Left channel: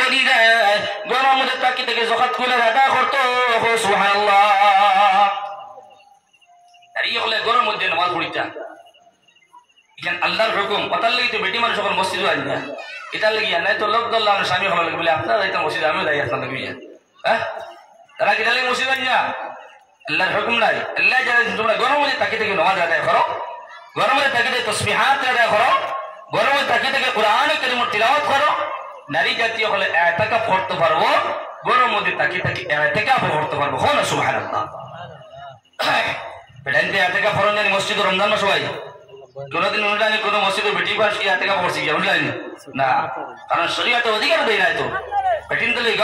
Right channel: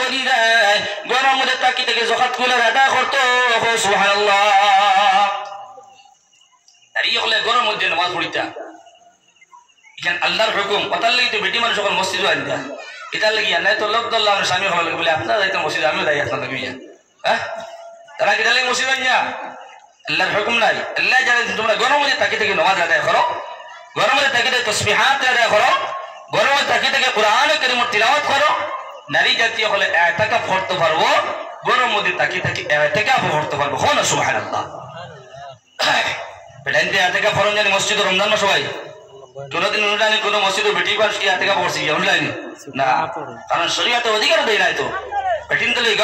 বলিরা ঘরের মধ্যে তাকি থেকে যাকাত গুলো আদা করতো সুবহানাল্লাহ আর এই হলে ঘরের মধ্যে নামাজ পড়িতা এখানে আল্লাহর হুকুম কথার লাগি তো বেটি মানুষ যখন মসজিদে আন যায় এটার লাগিয়া নাই তো লোক দল্লাহ স্বামী হওয়া লাগে বলে আপনারা যাইতে মসজিদে আমিও যাই আপনার লাগি হ্যাঁ তারা কিটা লাগে মসজিদে আন যা আল্লাহর হুকুম নাই আল্লাহ জানে তোমরা ঘরের মধ্যে তাকি থেকে নামাজ আদায় করো ঘরের মধ্যে তাকি থেকে তাসবিহাত আদায় করো ঘরের মধ্যে তাকি থেকে কোরআন কারীম তিলাওয়াত করো নারী জাতীয় হলে ইতিকাফ করতে পারবো ঘরের মধ্যে তাকি থেকে ইতিকাফ করতে পারবো না সুবহানাল্লাহ বেটা ইতিকাফ করন জানি মসজিদে রমজান মাস সবাই কোনদিন অনুযায়ী কোনো মসজিদে বেটি পাস কি ইতিকাফ করছি অনুযায়ী না কারণ শরীয়তে অধিকার দেয় নাই তো বেটিন তো লই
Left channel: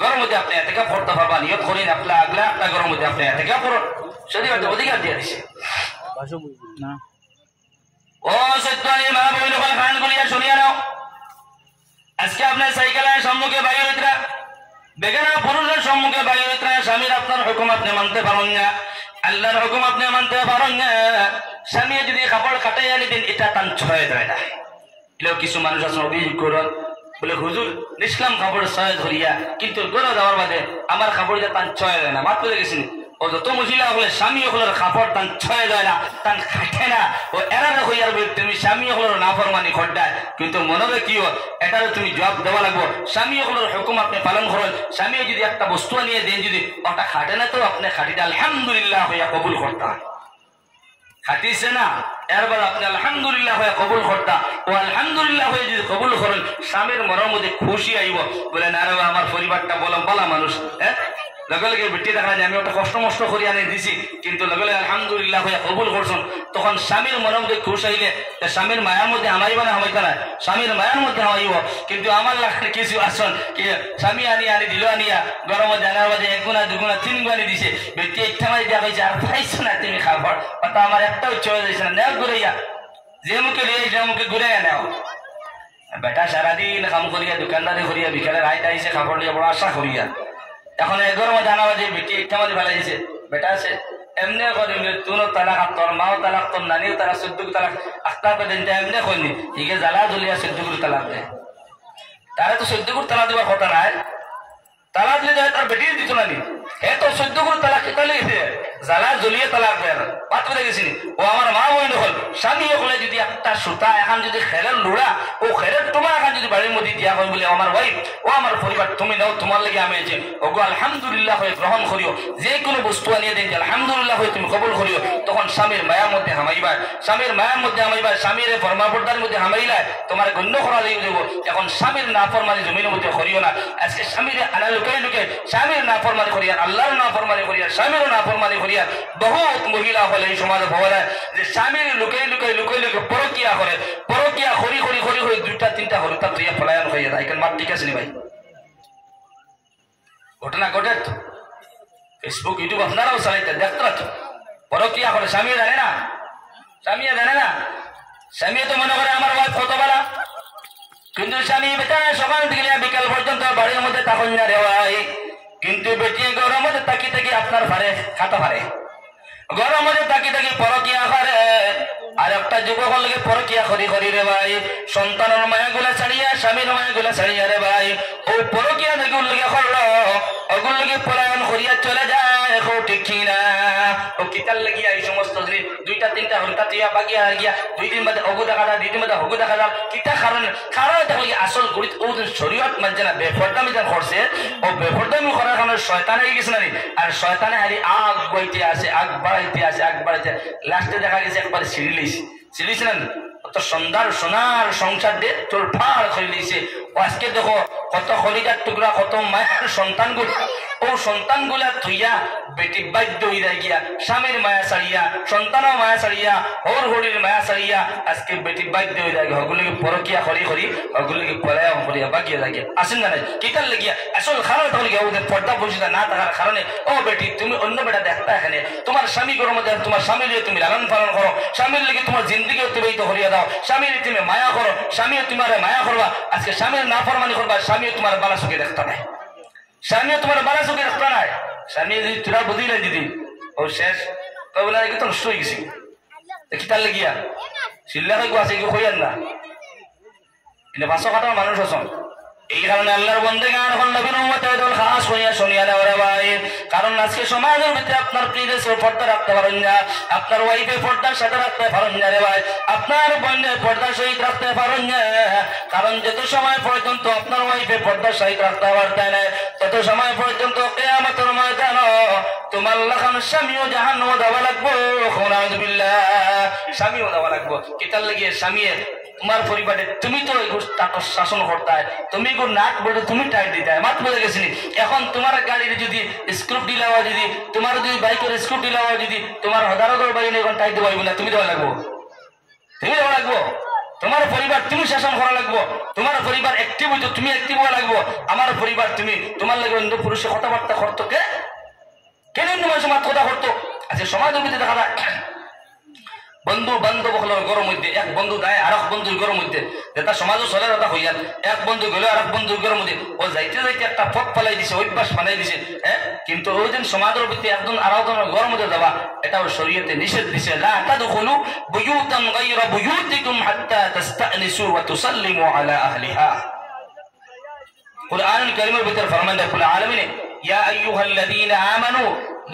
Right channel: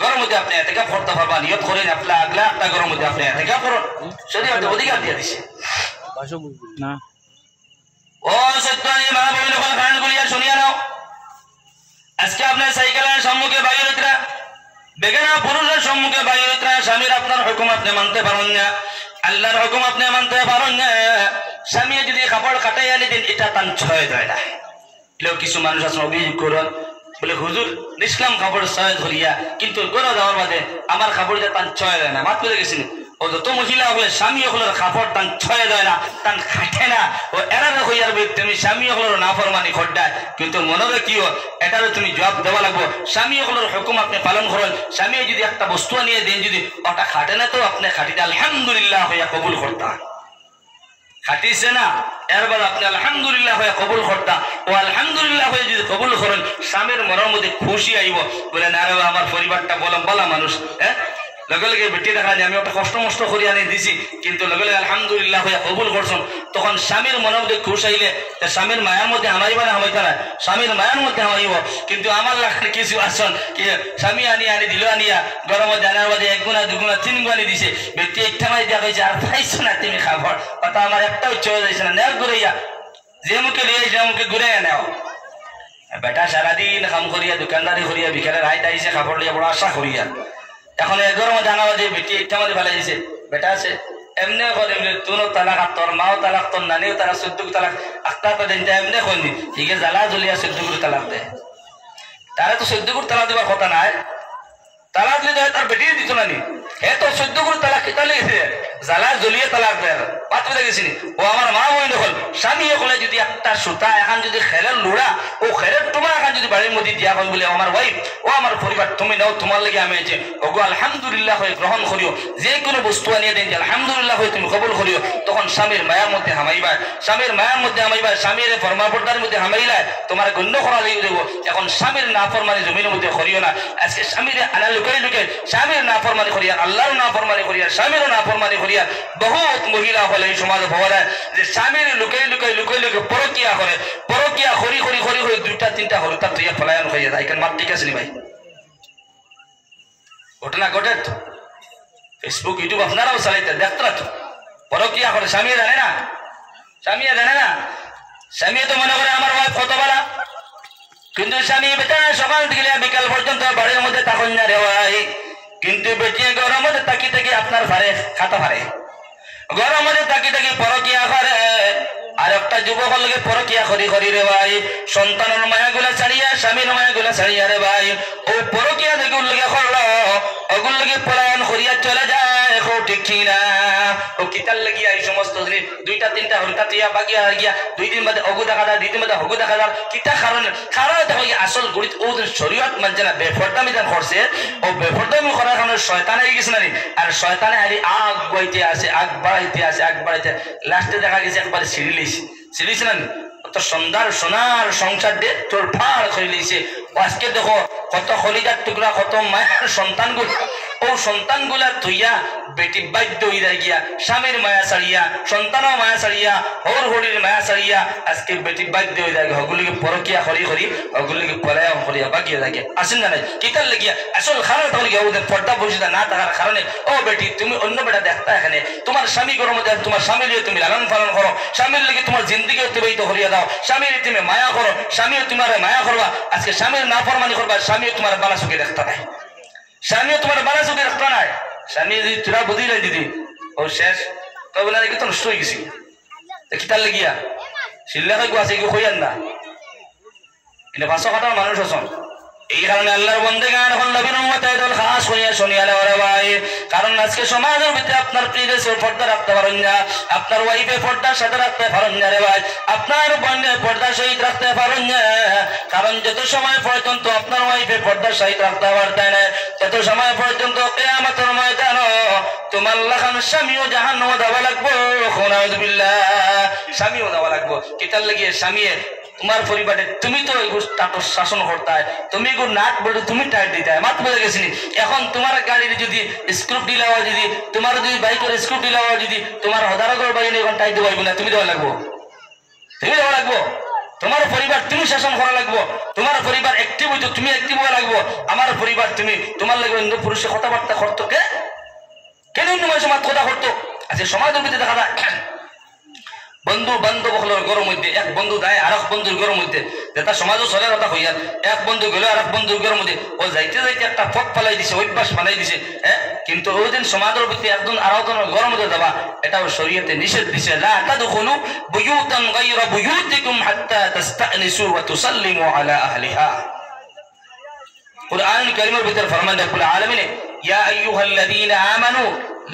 ঘরের মধ্যে আপনি ইতিকাফ করতে পারবা নিয়ত করেন আপনি আগলা একটা ঘরের মধ্যে আপনি ইতিকাফ করুন শরীয়তে অধিকার দিয়ে দিছে না ও সত্যি মা বইন হল গান গুলিয়া শুনিয়া নাও আজকে আপনার সাইকেলের সম্মুখে বাইরেতরা বেগানা পুরুষের সম্মুখে বাইরেতরা স্বামীর আপনার হুকুম আপনি মানতে পারেন না আল্লাহর হুকুম আপনি মানতে পারেন না স্বামী যদি কাপড় কাটাইয়া দিন এটা তান ছয় দেয় না এগুলো কিছু মানুষ আছে অভিযোগ করেন বলে হুজুর নিষ্কাম কাপড় ছয় ধরিয়া কিন্তু গড়ে যাওয়ার বাদে আমার কাপড়টা তান ছয় দেয় না মাত্র গেছি ও যত মহিলা হলে স্বামী হলের কাপড় তান ছয় দেয় না তান খাটে না ও এরার হইয়ার তুমি স্বামী হলের নাফরমানি খড্ডায় কিন্তু মনে রাখিও এটারও তুমি জবাব দেওয়া লাগবো স্বামী হলের হুকুম আপনি পালন করেন স্বামী যদি একটা বস্তু নিয়ে দেন যদি ওটা খাটে না তো আপনি খাটিতে আলহামদুলিল্লাহ হইয়া কবুল করতাম খাটিছে না এরবার আপনি আলহামদুলিল্লাহ হয়ে কবুল করতা ও আলহামদুলিল্লাহ হয়ে যদি কবুল করেন স্বামীর মনের মধ্যে খুশি আইব বলেন আরে আমার পরিবারটা বলা মানুষ হ্যাঁ লগে লগে বেটি দেখা যায় আমি একটা কষ্ট মষ্ট করে আনি দিছি কিন্তু লগে লগে আলহামদুলিল্লাহ হয়ে কবুল করছেন তখন স্বামীর মনের মধ্যে খুশ আইলে স্বামীর মায়ার মধ্যে হামাইবা না হামাইতা না স্বামীর মায়ার মধ্যে হামাইব কিন্তু আমার লাগে কিছু আসন কি স্বামী আনি দিল আনিয়া ঘরের মধ্যে আনার মধ্যে এক গুণা দুগুণা তিন গুণা দিছে ব্যক্তি একটা মারি দেওয়া হয়েছে আর পাইছো না তুমি খাবার অত আমার একটা উচ্চ হয়ে যাচ্ছে না নেও ঘুরাইয়া যে মুখে লিয়ে সে মুখে ঘুরাইয়া নেও বেটা সারাদিন কাম করিয়া দোকানদারি করিয়া বিকেলের হাইট আইসে খাবার লিয়া বড় আশা করিয়া এখন এগোর মধ্যে আনা যে বেটি একটা মধ্যে ফেলা দিছে বেটা আছে এমনি করে তুনো তালাক আর তোর মাও তালাক তোর নানিও তালাক 14 তালাক আটটা পর্যন্ত এমনি করি হিগে জ্বালা জ্বলিয়া 14 তালাক দেয় তারা তো 14 তালাক দেওয়ার কথা নাই তালাক দিলে তার বেটি দিত না নি হে তো 14 তালাক কেটা লেগেছে জ্বালা জ্বলিয়ে তালাক দেয় বাত বুঝে গেছিনি ও আমার মা বই নকল স্বামী হলে যদি একটা সুতা এখন যদি খেরের লোড়া ও খেরের তোমার এখন যদি বাড়ির মধ্যে দিয়া হয় বলে আমার ওয়াইফ ও আমার পরিবার তুমি নাও তোমার লাগে আমি আছি ওগো আলহামদুলিল্লাহ হয়ে গ্রহণ করিও যে কোনো বস্তু আনিয়ে দেন আলহামদুলিল্লাহ হয়ে তুমি কবুল করিও তখন স্বামীর মায়ার মধ্যে হামাইবা স্বামীর মায়ার মধ্যে হামাইবা স্বামীর ফরমাবর্দার মধ্যে হামাইলাই তোমার গণ্য করা লেগে দেবো এখন স্বামীর নাফরমানি জমির মধ্যে করিও না আজকে স্বামীর আনা লুকে লুকে স্বামীর নাফরমানি করিয়া আল্লাহর নাফরমানি করিয়া স্বামীর নাফরমানি করিয়া বহুত মহিলা হলে এই সমাজে পাওয়া যায় যে স্বামীর লুকাই পরকিয়া করে পরকিয়া হরি দুইটা তিনটা হরুতা তুইয়া পলায়ন হয়ে যায় এখানে মাত ঠিক আছে নি ভাই ঘটনা ঘটে ফেসবুক ইউটিউব আপনারাও চালাইতে দেখতে রাখি পরকিয়া করে স্বামী জানে না স্বামী তো মনে করে আমার ওয়াইফ কত বলা কিন্তু স্বামী বেটা সকাল থেকে বিকাল পর্যন্ত বাড়ির মধ্যে তখন না রেওয়াই কিন্তু বেটিয়ে ঘরের মধ্যে তাকি থেকে আপনার ভারে খাতা ভারে ঘরের মধ্যে তাকি পরকিয়া করে আর একটা যুবক লাগে পরকিয়া করি রে ভাই সন্তানের মায়াগুলা ছাড়িয়া স্বামীর মায়াগুলা ছাড়িয়া রে ভাই ও পরকিয়া যেগুলো লাগে করলো ওগুলো লাগে পলায়ন করিয়া চলে যায় ও ঠিক না ও কিতাল লাগিয়া এই সমস্ত দুইটা তিনটা হলতা টিয়া বাগিয়া গিয়া 2 দিন বাদে অগু দেখা যায় 2 দিন বাদে হগু দেখা যায় কিতা কারণ দেখো আসল গড়িত ও শরীয়ত মানে না বেফরদামি যেন করছে ও বেফরদামি করার কারণে শয়তান হয়ে গেছে না আর শয়তানে হারি আগ বাড়াইতে আছে লাস্টে দেখা গেছে একবার সিঁড়িছে না তো সোনার সংসার দিয়ে তোর ফাড় করে লিয়েছে আজকে দেখো কত খলিজার টুকরা কত মায়ের সন্তানগুলো ও সন্তানগুলা তুইয়া বেটি বাধ্য হইয়া গিয়া স্বামীর মায়া ছাড়িয়া সন্তানও মায়া ছাড়িয়া হরির মায়া ছাড়িয়া আজকে বেটি বাধ্য হয়ে যায় হগুলিকে পরকিয়া করি হগুলিকে পলায়ন করিয়া বাগিয়ে লাগে আসেন না নাই কিতার লাগিয়া আসল কারণ তখন গিয়া ওদের পর্দা পরিচিতা না থাকার কারণে ও বেটি তুমি অন্য বেটা দেখতা এখানে তোমার স্বামী গরম মধ্যে তোমার স্বামী লিয়ে তুমি লালন পালন করো স্বামীর লেগে তোমার জিন্দগি অতিবাহিত করিয়া দাও স্বামীর তুমি মায়া করো স্বামীও তোমার মায়া করবা আজকে স্বামীর নাফরমানি করবা স্বামীও তোমার বালা চোখে দেখতা নাই স্বামীও তোমার বালা চোখে দেখতা নাই স্বামী যদি তোরা বুঝিলে দিদি ও শেষ তবে না তো নষ্ট হয়ে গেছি দেখি তার লেগিয়া শিল্লা হয়ে আছে কেউ হইয়ান না কিন্তু 500 কাটার মানুষ আছেন এই কারণে আল্লাহর বন্দেগান হল নবীর উম্মতের দল খাস করিয়া শুনিয়া নাও রে ভাই। কারণ আজকে সমাজের ভিতরে আপনার প্রিয়সে পর্দা রাখতে পারেন না, আপনার ওয়াইফে পর্দার সাথে রাখতে পারেন না রে ভাই, আপনার বোনের পর্দার সহিত রাখতে পারেন না। কারণ যত সময় পর্যন্ত আপনার ওয়াইফে পর্দার সহিত রাখতে পারতেন না, তত সময় পর্যন্ত কিয়ামতের ময়দানে তোমার লাখান স্বামীও জাহান্নামে যাওয়া লাগবো। নাউযুবিল্লাহ, স্বামীও যাওয়া লাগবো। কিতার লাগিয়ে স্বামীর তোমার পরিবারে তুমি তো তার শাসন করতায়, তুমি গো নাট বলে তুমি টাইট দিতায়, মাত বলে গেছিনি। এখন তোমার গাড়ির যদি স্ক্রুপ ঢিলা হয়, যদি তোমার যদি বাইকের স্ক্রুপ ঢিলা হয়, যদি তোমার হদারগর বাইনে এখন টাইট দেওয়া না, তুমি দেওয়া লাগবো, তুমি দেওয়া লাগবো। তোমার পরিবার তুমি শাসন করা লাগবো, তোমার পরিবার একটিভ হইতো তুমি একটিভ হওয়া লাগবো। আমার পরিবার তুমি তোমার লাগবে অন্য পুরুষের কথাবার্তা করতো কে কেন অন্য মানুষের মাত কথা করতো। আচ্ছা সমাজের ভিতরে দেখা যায় বন্ধু বান্ধব হলোর গরম মধ্যে এক বন্ধু দেয় আর এক বন্ধুর গরম মধ্যে, যেটা সমাজও চলে কথা হইয়ার এক বন্ধু গেলে আর এক বন্ধুর গরম মধ্যে ও যাইতে যাইতে একটা পথ ফেলাই দিছে, অভ্যাস বানাই দিছে। হ্যাঁ, কিন্তু ওই দিন সমাজের ভিতরে একজন আর একজনের গরম মধ্যে যাবা এটাও শরীয়তে নিষেধ দিছে। লা তাদখুলু বুয়ুতান গায়রা বুয়ুতিকুম হাত্তা তাস্তানিসু ওয়া তুসাল্লিমু আলা আহলিহা। কুরআনুল কারীমের ভিতরে ফরমান রব্বুল আলামিন ইয়া আইয়ুহাল্লাযীনা আমানু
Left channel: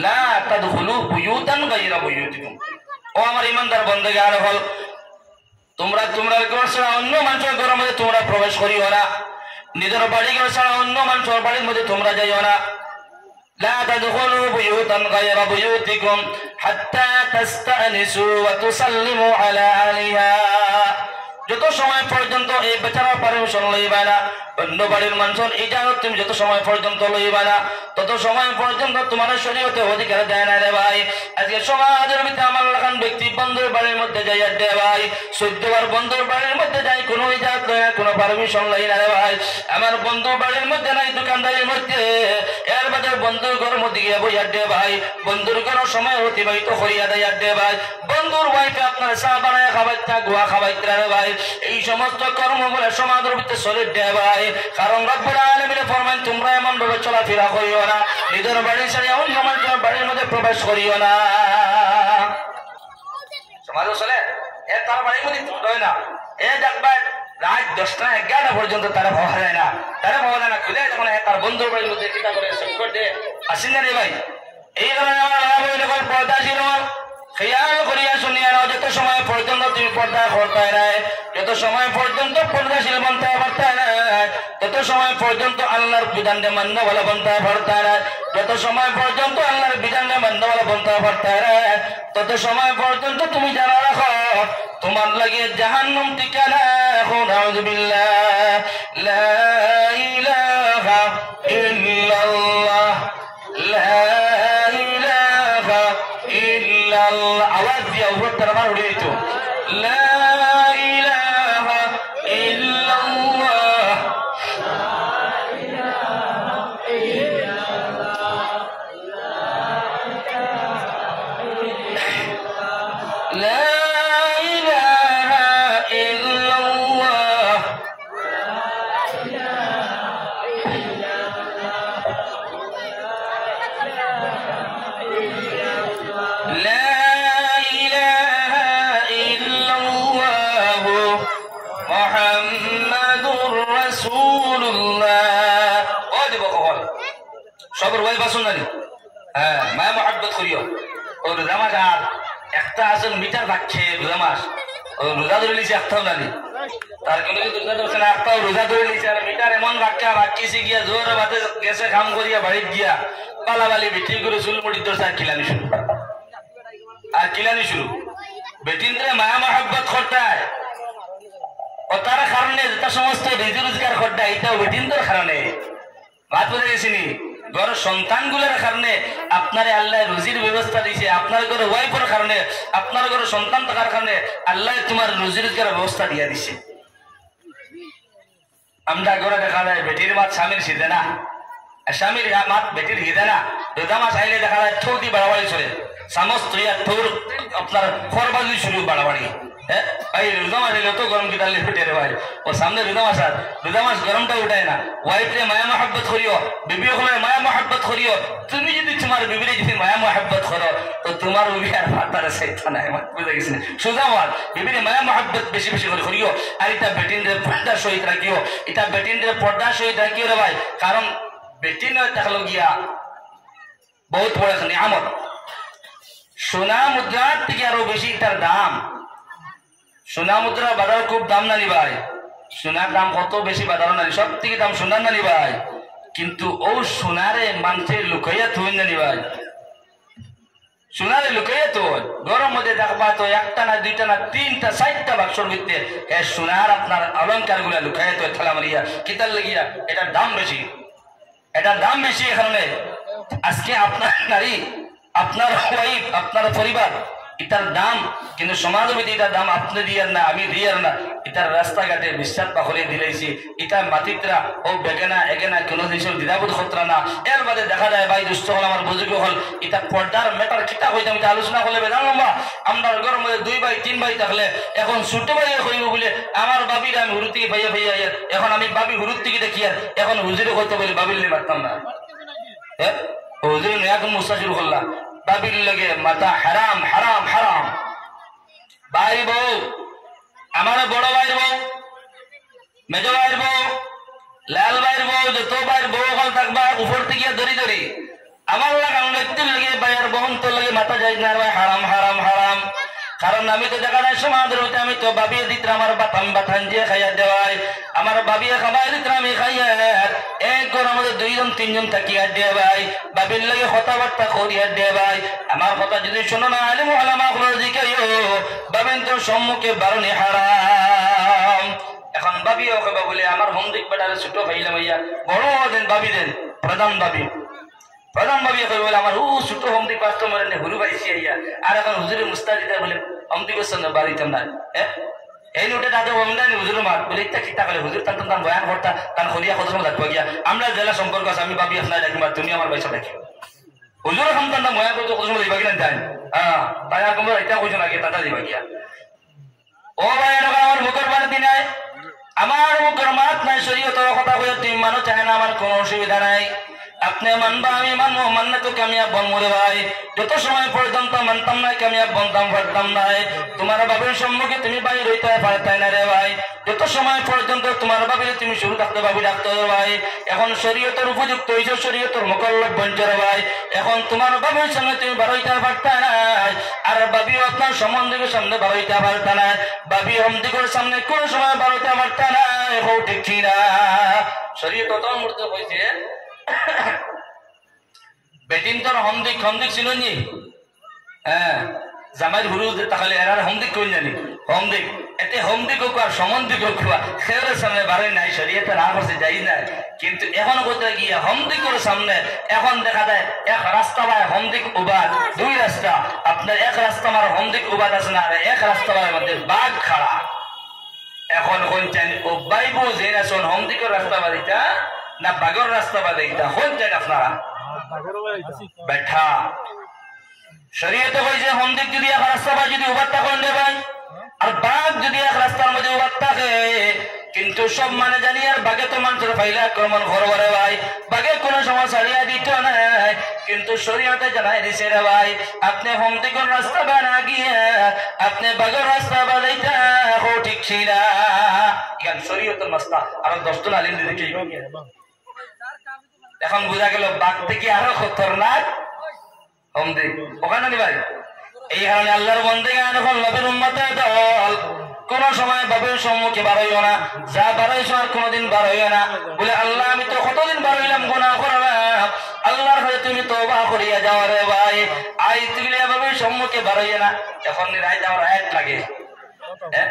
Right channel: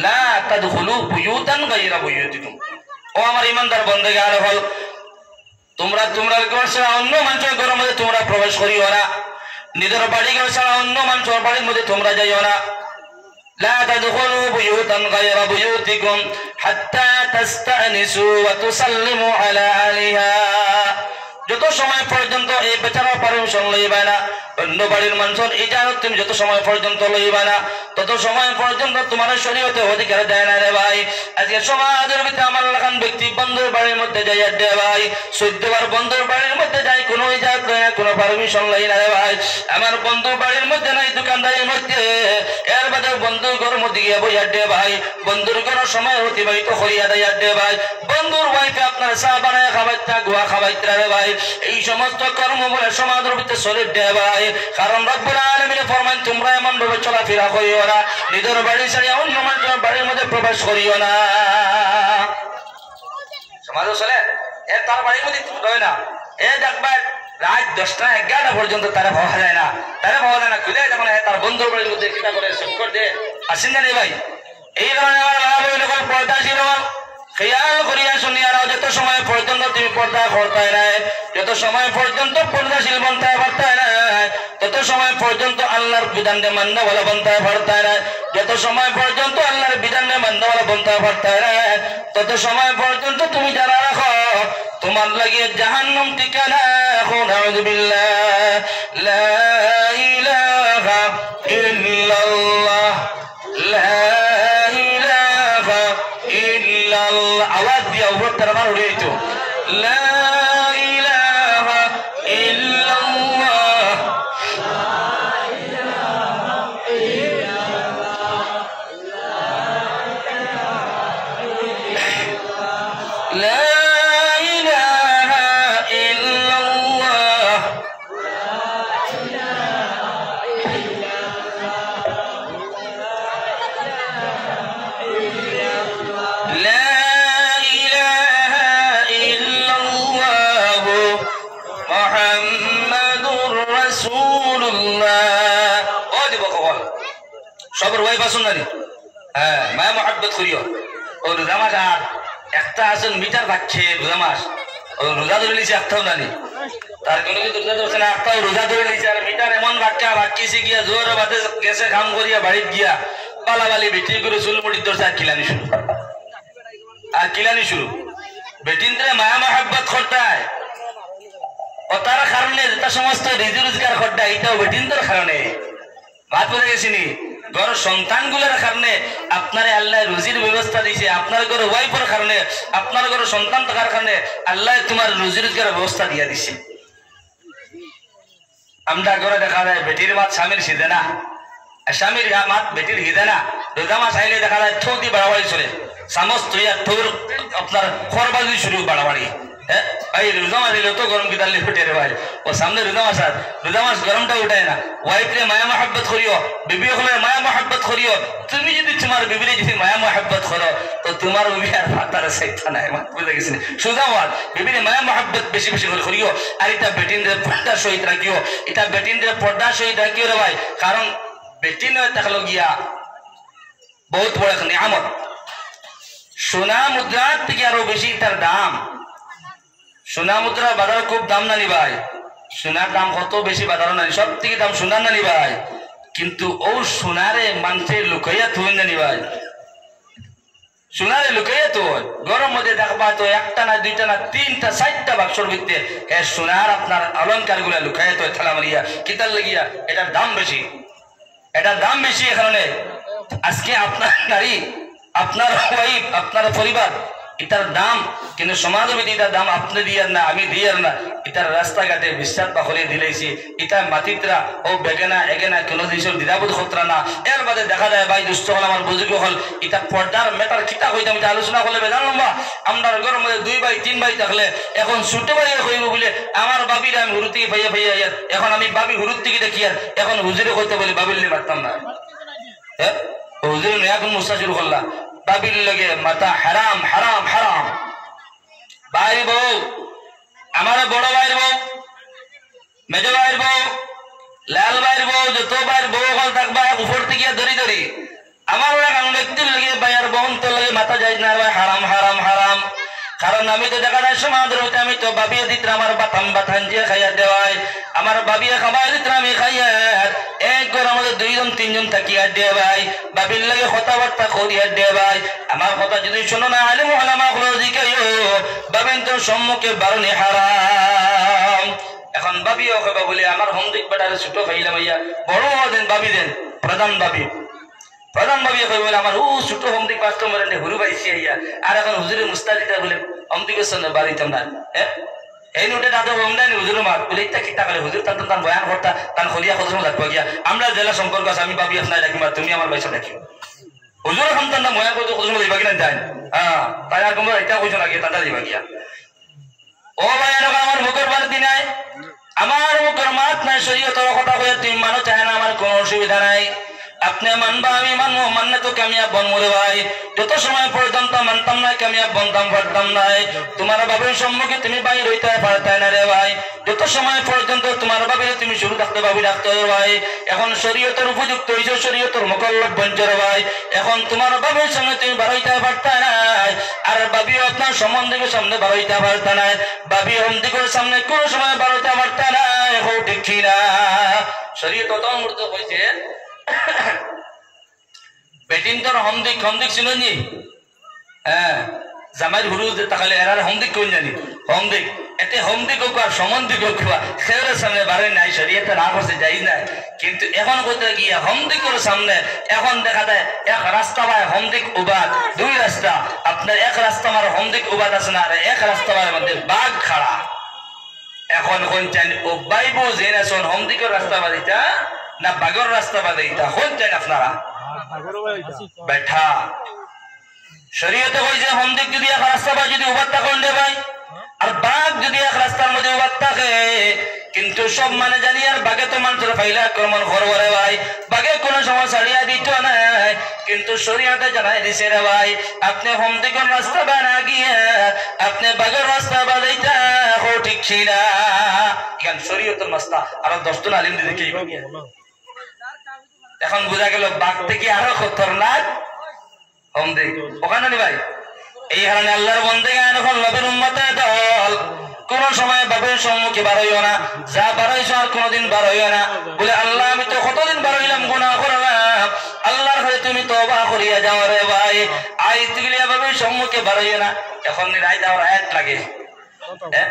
লা তাদখুলু বুয়ুতান গায়রা বুয়ুতিকুম। ও আমার ইমানদার বন্দেগান হল, তোমরা তোমরা ঘর ছাড়া অন্য মানুষের ঘরের মধ্যে তোমরা প্রবেশ করিও না, নিজের বাড়ি ঘর ছাড়া অন্য মানুষের বাড়ির মধ্যে তোমরা যাইও না। লা তাদখুলু বুয়ুতান গায়রা বুয়ুতিকুম হাত্তা তাস্তানিসু ওয়া তুসাল্লিমু আলা আহলিহা। যত সময় পর্যন্ত এই বেচারা পারমিশন লইবা না, অন্য বাড়ির মানুষের ইজাজত তুমি যত সময় পর্যন্ত লইবা না, তত সময় পর্যন্ত তোমার শরীয়তে অধিকার দেয় না রে ভাই। আজকে সমাজের ভিতরে আমার লাখান ব্যক্তি বন্ধুর বাড়ির মধ্যে যাই আড্ডে ভাই, 14 বার বন্ধুর বাড়ির মধ্যে যাই, কোনো ইজাজত লয় না, কোনো পারমিশন লই না রে ভাই। আমার বন্ধু বাড়ির মধ্যে নাই, দোকানদারির মধ্যে, এর বাদে বন্ধুর ঘরের মধ্যে গিয়ে বই আড্ডে ভাই, বন্ধুর ঘরের সময় অতিবাহিত করিয়া দেয় আড্ডে ভাই। বন্ধুর ওয়াইফে আপনার চা বানায় খাবাইতা, গুয়া খাবাইতা রে ভাই। এই সমস্ত কর্ম বলে সমাজের ভিতরে চলে দে ভাই। কারণ রব্বুল আলামিন ফরমান তোমরা এমন ভাবে চলাফেরা করিও না, নিজের বাড়ি ছেড়ে অন্য মানুষের বাড়ির মধ্যে প্রবেশ করিও না। সমাজে চলে এ তার বাড়ির মধ্যে রয় না, এ দেখবার রাত 10টা 11টা পর্যন্ত তারা ভাবা যায় না, তারা ভাবা যায় না খুলে যখন তার বন্ধুর বাড়ির মধ্যে কিনা করে চক্কর দিয়ে আসেন না রে ভাই। এই কারণে আমার পর্দা ছিল খেয়াল করিয়া শুনিয়া রাও, যত সময় পর্যন্ত তুমি পর্দা করতে নাই, যত সময় পর্যন্ত পর্দাশীল বনতে পারতে নাই, তত সময় পর্যন্ত আল্লাহর বিধানকে মাননেওয়ালা বনতে পারতে নাই, যত সময় পর্যন্ত আল্লাহর বিধানকে মাননেওয়ালা বনতে পারতে নাই, তত সময় পর্যন্ত তুমি জানা রাখো তোমার লাগিয়ে জাহান্নাম ঠিকানা। নাউযুবিল্লাহ, লা ইলাহা ইল্লাল্লাহ, লা ইলাহা ইল্লাল্লাহ। আওয়াজ দিয়া উপর তারবার উঠে যেত, লা ইলাহা ইল্লাল্লাহ, লা ইলাহা ইল্লাল্লাহ। সবর ওয়াই বাসুন জানি, হ্যাঁ মায়া মহাব্বত করিও। ও রোজা মাস আর একটা আসেন মিটার বাক্ছে রোজা মাস, ও রোজা ধরে নিয়েছে একটাও জানি, তার কোনো যদি রোজা ধরছে না একটাও রোজা ধরে নিয়েছে। আর মিটার এমন বাক্যা বাক্যিছে গিয়া জোর বাদে গেছে কাম করিয়া বাড়ির গিয়া পালাবালি বেটি করে চুল মুড়ি ধরছে আর কিলানি শুরু, আর কিলানি শুরু। বেটিনতে মায়া মহাব্বত করতায় ও তার কারণে যেটা সমস্ত রিজি রোজগার করতায় এটাও বেটিনদের কারণে ভাত বলে গেছিনি। ঘর সন্তান গুলোর কারণে আপনার আল্লাহ রুজির ব্যবস্থা দিয়েছে, আপনার ঘরে ওয়াইফের কারণে, আপনার ঘরে সন্তান থাকার কারণে আল্লাহ তোমার রুজি রোজগারের ব্যবস্থা দিয়ে দিছে। আমরা ঘরে দেখা যায় বেটির মাত স্বামীর সিধে না, স্বামীর মাত বেটির হিদে না। রোজা মাস আইলে দেখা যায় ঠৌকি বাড়াবাড়ি চলে, চামচ তুই আর ঠৌর আপনার খরবাজি শুরু বাড়াবাড়ি, হ্যাঁ ভাই রোজা মাস এলে তো গরম কি তাহলে ফুটে রে ভাই ও সামনে রোজা মাস আর রোজা মাস গরমটা উঠায় না ওয়াইফরে মায়া মহাব্বত করিও বিবি হলে মায়া মহাব্বত করিও তুমি যদি তোমার বিবিরে যদি মায়া মহাব্বত করো তো তোমার বিবি আর ফাতারে সাইতা নাই বুঝে গেছে সোজা মাত বিবিরে মায়া মহাব্বত বেশি বেশি করে করিও আর এটা বেটিনদের পর্দা সহিত রাখিও এটা বেটিনদের পর্দা সহিত রাখিও রে ভাই কারণ বেটিন থাকলো গিয়া বহুত বড় একটা নিয়ামত সোনা মুদ্রার থেকে আরো বেশি তার দাম সোনা মুদ্রার বাজার খুব দাম নানি ভাই সোনার দাম কত বেশি বাজার নানি সব থেকে দাম সোনার নানি ভাই কিন্তু ও সোনারে মানুষের লুকাইয়া থুন জানি ভাই সোনারে লুকাইয়া তো গরম মধ্যে দেখবা তো একটা না দুইটা না তিনটা 4টা বাক্সর ভিতরে সোনার আপনার অলঙ্কার গুলা লুকাইয়া তো ঠেলা মারিয়া কিতার লাগিয়া এটার দাম বেশি এটার দাম বেশি এ কারণে আজকে আপনার নারী আপনার ওয়াইফ আপনার পরিবার এটার দাম কিন্তু সমাজ এটার দাম আপনি দিয়ার না আমি দিয়ার না এটার রাস্তাঘাটে বিশ্বাস বাহরে দিলেছি এটা মাতিত্রা ও বেগেনা এগেনা কোনো জিনিস দ্বিধাবোধ খতরা না এর বাদে দেখা যায় ভাই দুষ্ট হল আমার বুঝুক হল এটা পর্দার মেটার কিতা হইতাম এটা আলোচনা করলে বেজান লম্বা আমরা ঘরের মধ্যে 2 ভাই 3 ভাই থাকলে এখন ছুটে বাইরে হইব বলে আমার বাবির আমি হুরু থেকে ভাইয়া ভাইয়া এখন আমি বাবি হুরুর থেকে দেখি আর এখন হুজুরে হইতে বলে বাবির নিয়ে পারতাম না হ্যাঁ হুজুর এখন মুস্তা শুরু করলাম বাবির লগে মাথা হারাম হারাম হারাম ভাই বউ আমার বড় ভাইয়ের বউ মেজ ভাইয়ের বউ লাল ভাইয়ের বউ যত ভাইয়ের বউ হল থাকবা উপর থেকে ধরি ধরি আমার লাগান ব্যক্তির লগে ভাইয়ের বোন তোর লগে মাথা যাই না ভাই হারাম হারাম হারাম কারণ আমি তো দেখা যায় সমাজ রইতে আমি তো বাবিয়ে দিতে আমার বাতান বাতান যে খাইয়া দেওয়াই আমার বাবিয়ে খাবার দিতে আমি খাইয়া এক ঘর আমাদের 2 জন 3 জন থাকিয়া দে ভাই বাবির লাগে কথাবার্তা করিয়া দে ভাই আমার কথা যদি শোনো না আলিম ওলামা গুলো জিজ্ঞাসা বাবিন তোর সম্মুখে বারণে হারাম এখন বাবিও কইবা বলে আমার হোম দিক বেটারে ছোট খাইলাম ভাইয়া বড় দেন বাবি দেন প্রধান বাবি কই বলে আমার ছোট হোম দিক পাঁচটা মরে হুরু পাইছি আইয়া আর এখন হুজুরে মুস্তাদিতা বলে হোম দিকের সঙ্গে বাড়িতাম না এই নোটে তাদের হোম দেয় হুজুর মাত বলে ইত্যা কিতা করে হুজুর তার তার বয়ান করতা তার হলিয়া কত সময় লাগবো গিয়া আমরা জেলা সম্পর্ক আছে আমি বাবি আপনার ডাকি মার তুমি আমার পয়সা ডাকি হুজুর এখন তার বয়ান করতে কত সময় দিবা কিনা জানি হ্যাঁ তাই আর কোমর এটা কইছো না গিয়ে তাটা দিবা গিয়া ও ভাই এখন আমার মুখের বাড়িতে নাই আমার মুখের মাত নাই শরীয়তের কথা কইয়া তুমি মানো চায় না আমার কোনো অসুবিধা নাই আপনি মানবা আমি মানবো মানলে তো কামিয়াব বনবো রে ভাই যত সময় পর্যন্ত মানতাম না কামিয়াব বনতাম পারতাম নাই তোমার বাবের সম্মুখে তুমি বাইরে হইতে পারতাই না রে ভাই যত সময় পর্যন্ত তোমার বাবিরে তুমি শুরু থাকতে বাবি রাখতে রে ভাই এখন শরীয়তের উপযুক্ত হয়েছে শরীয়তের মোকাল্লফ বনছে রে ভাই এখন তোমার বাবির সামনে তুমি বাড়াইতে পারতা নাই আর বাবিও আপনার সম্বন্ধের সামনে বাড়াইতে পারতা না বাবি হমদিকের সামনে কোন সময় বাড়াইতে পারতা না এখন ঠিক না শরীয়ত তখন মূর্ত হয়েছে বেটিন তোর হমদিক হমদিক ছিল নি হ্যাঁ জামাইর হুরু তাহলে এরার হমদিক কোন জানি হমদিক এতে হমদিক হোক আর সম্বন্ধিক হোক খেয়ের সামনে বাড়ি নাই শরীয়তে না করছে যাই নাই কিন্তু এখন করতে গিয়ে হমদিকের সামনে এখন দেখা যায় এক রাস্তা বা হমদিক উবাদ 2 রাস্তা আপনার এক রাস্তা আমার হমদিক উবাদ আছে না আর এক রাস্তা মধ্যে বাঘ খাড়া এখন কোন চান ও বাইবো যে না শোন হমদিকের রাস্তা বাদিটা না বাগর রাস্তা বাদিটা কোন চান আপনারা बैठा शरीयत কইছে হমদিক যদি এক রাস্তা বা যদি উবাত্তা কোন দে ভাই আর বাঘ যদি এক রাস্তার মধ্যে উবাত্তা খায় কিন্তু সব মানে জানি আর বাঘে তো মানুষের ফাইলা আক্রমণ করবে ভাই বাঘে কোনো সময় ছাড়িয়া দিত না কিন্তু শরীয়তে জানাই দিছে রে ভাই আপনি হমদিকের রাস্তা বানা গিয়ে আপনি বাঘের রাস্তা বানাইতা ও ঠিক ছিলা কেন শরীয়তের মাসলা আর 10 জন আলিম দিকে কি এখন বোঝা গেল বাঘ থেকে আরো খতরনাক হমদিক ওখানে নি ভাই এই কারণে আল্লাহর বান্দাগান এখন নবীর উম্মতের দল কোন সময় বাবের সম্মুখে বার হইও না যা বার হইছো আর কোনদিন বার হইও না বলে আল্লাহ আমি তো কতদিন বার হইলাম গুনাহ করলাম আল্লাহর কাছে তুমি তওবা করিয়া যাও রে ভাই আই তুলিয়া বাবের সম্মুখে বার হইও না এখন রাই যাওয়ার আয়াত লাগে হ্যাঁ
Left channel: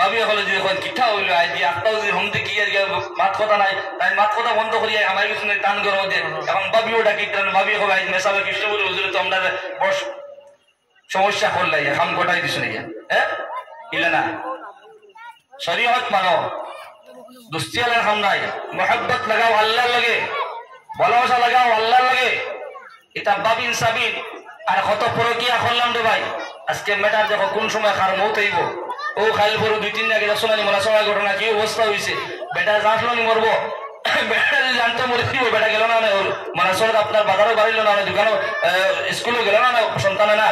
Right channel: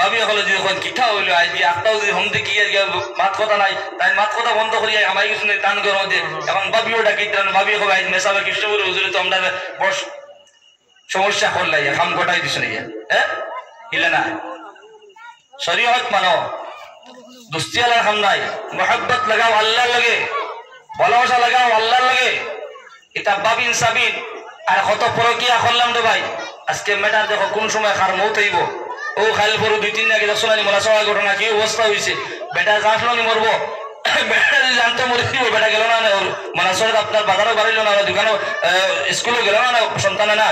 বাবি হলো যে এখন কিঠা হইলো আজ যে আত্মাও যদি হমতে গিয়ে মাত কথা নাই তাই মাত কথা বন্ধ করিয়া আমার কিছু টান করার মধ্যে এখন বাবিও ডাকি বাবি হবে আজ মেসাবে কৃষ্ণগুরু হুজুরে তো আমরা বড় সমস্যা করলাই হাম গোটাই দিছো নাকি হ্যাঁ ইলে না শরীয়ত মানো দুস্তি আলার হাম নাই মোহাব্বত লাগাও আল্লাহর লাগে ভালোবাসা লাগাও আল্লাহর লাগে এটা বাবিন সাবিন আর কত পরকিয়া করলাম রে ভাই আজকে মেটার দেখো কোন সময় খার মৌত হইব ও খাইল পরে 2-3 আগে সোনানি মরা সবাই ঘটনা কি অবস্থা হয়েছে বেটা জানলো নি মরবো বেটা যদি জানতো মরে দিব বেটা গেল না মানে সব আপনার বাজারও বাড়িল না দোকানও স্কুলে গেল না সন্তানে না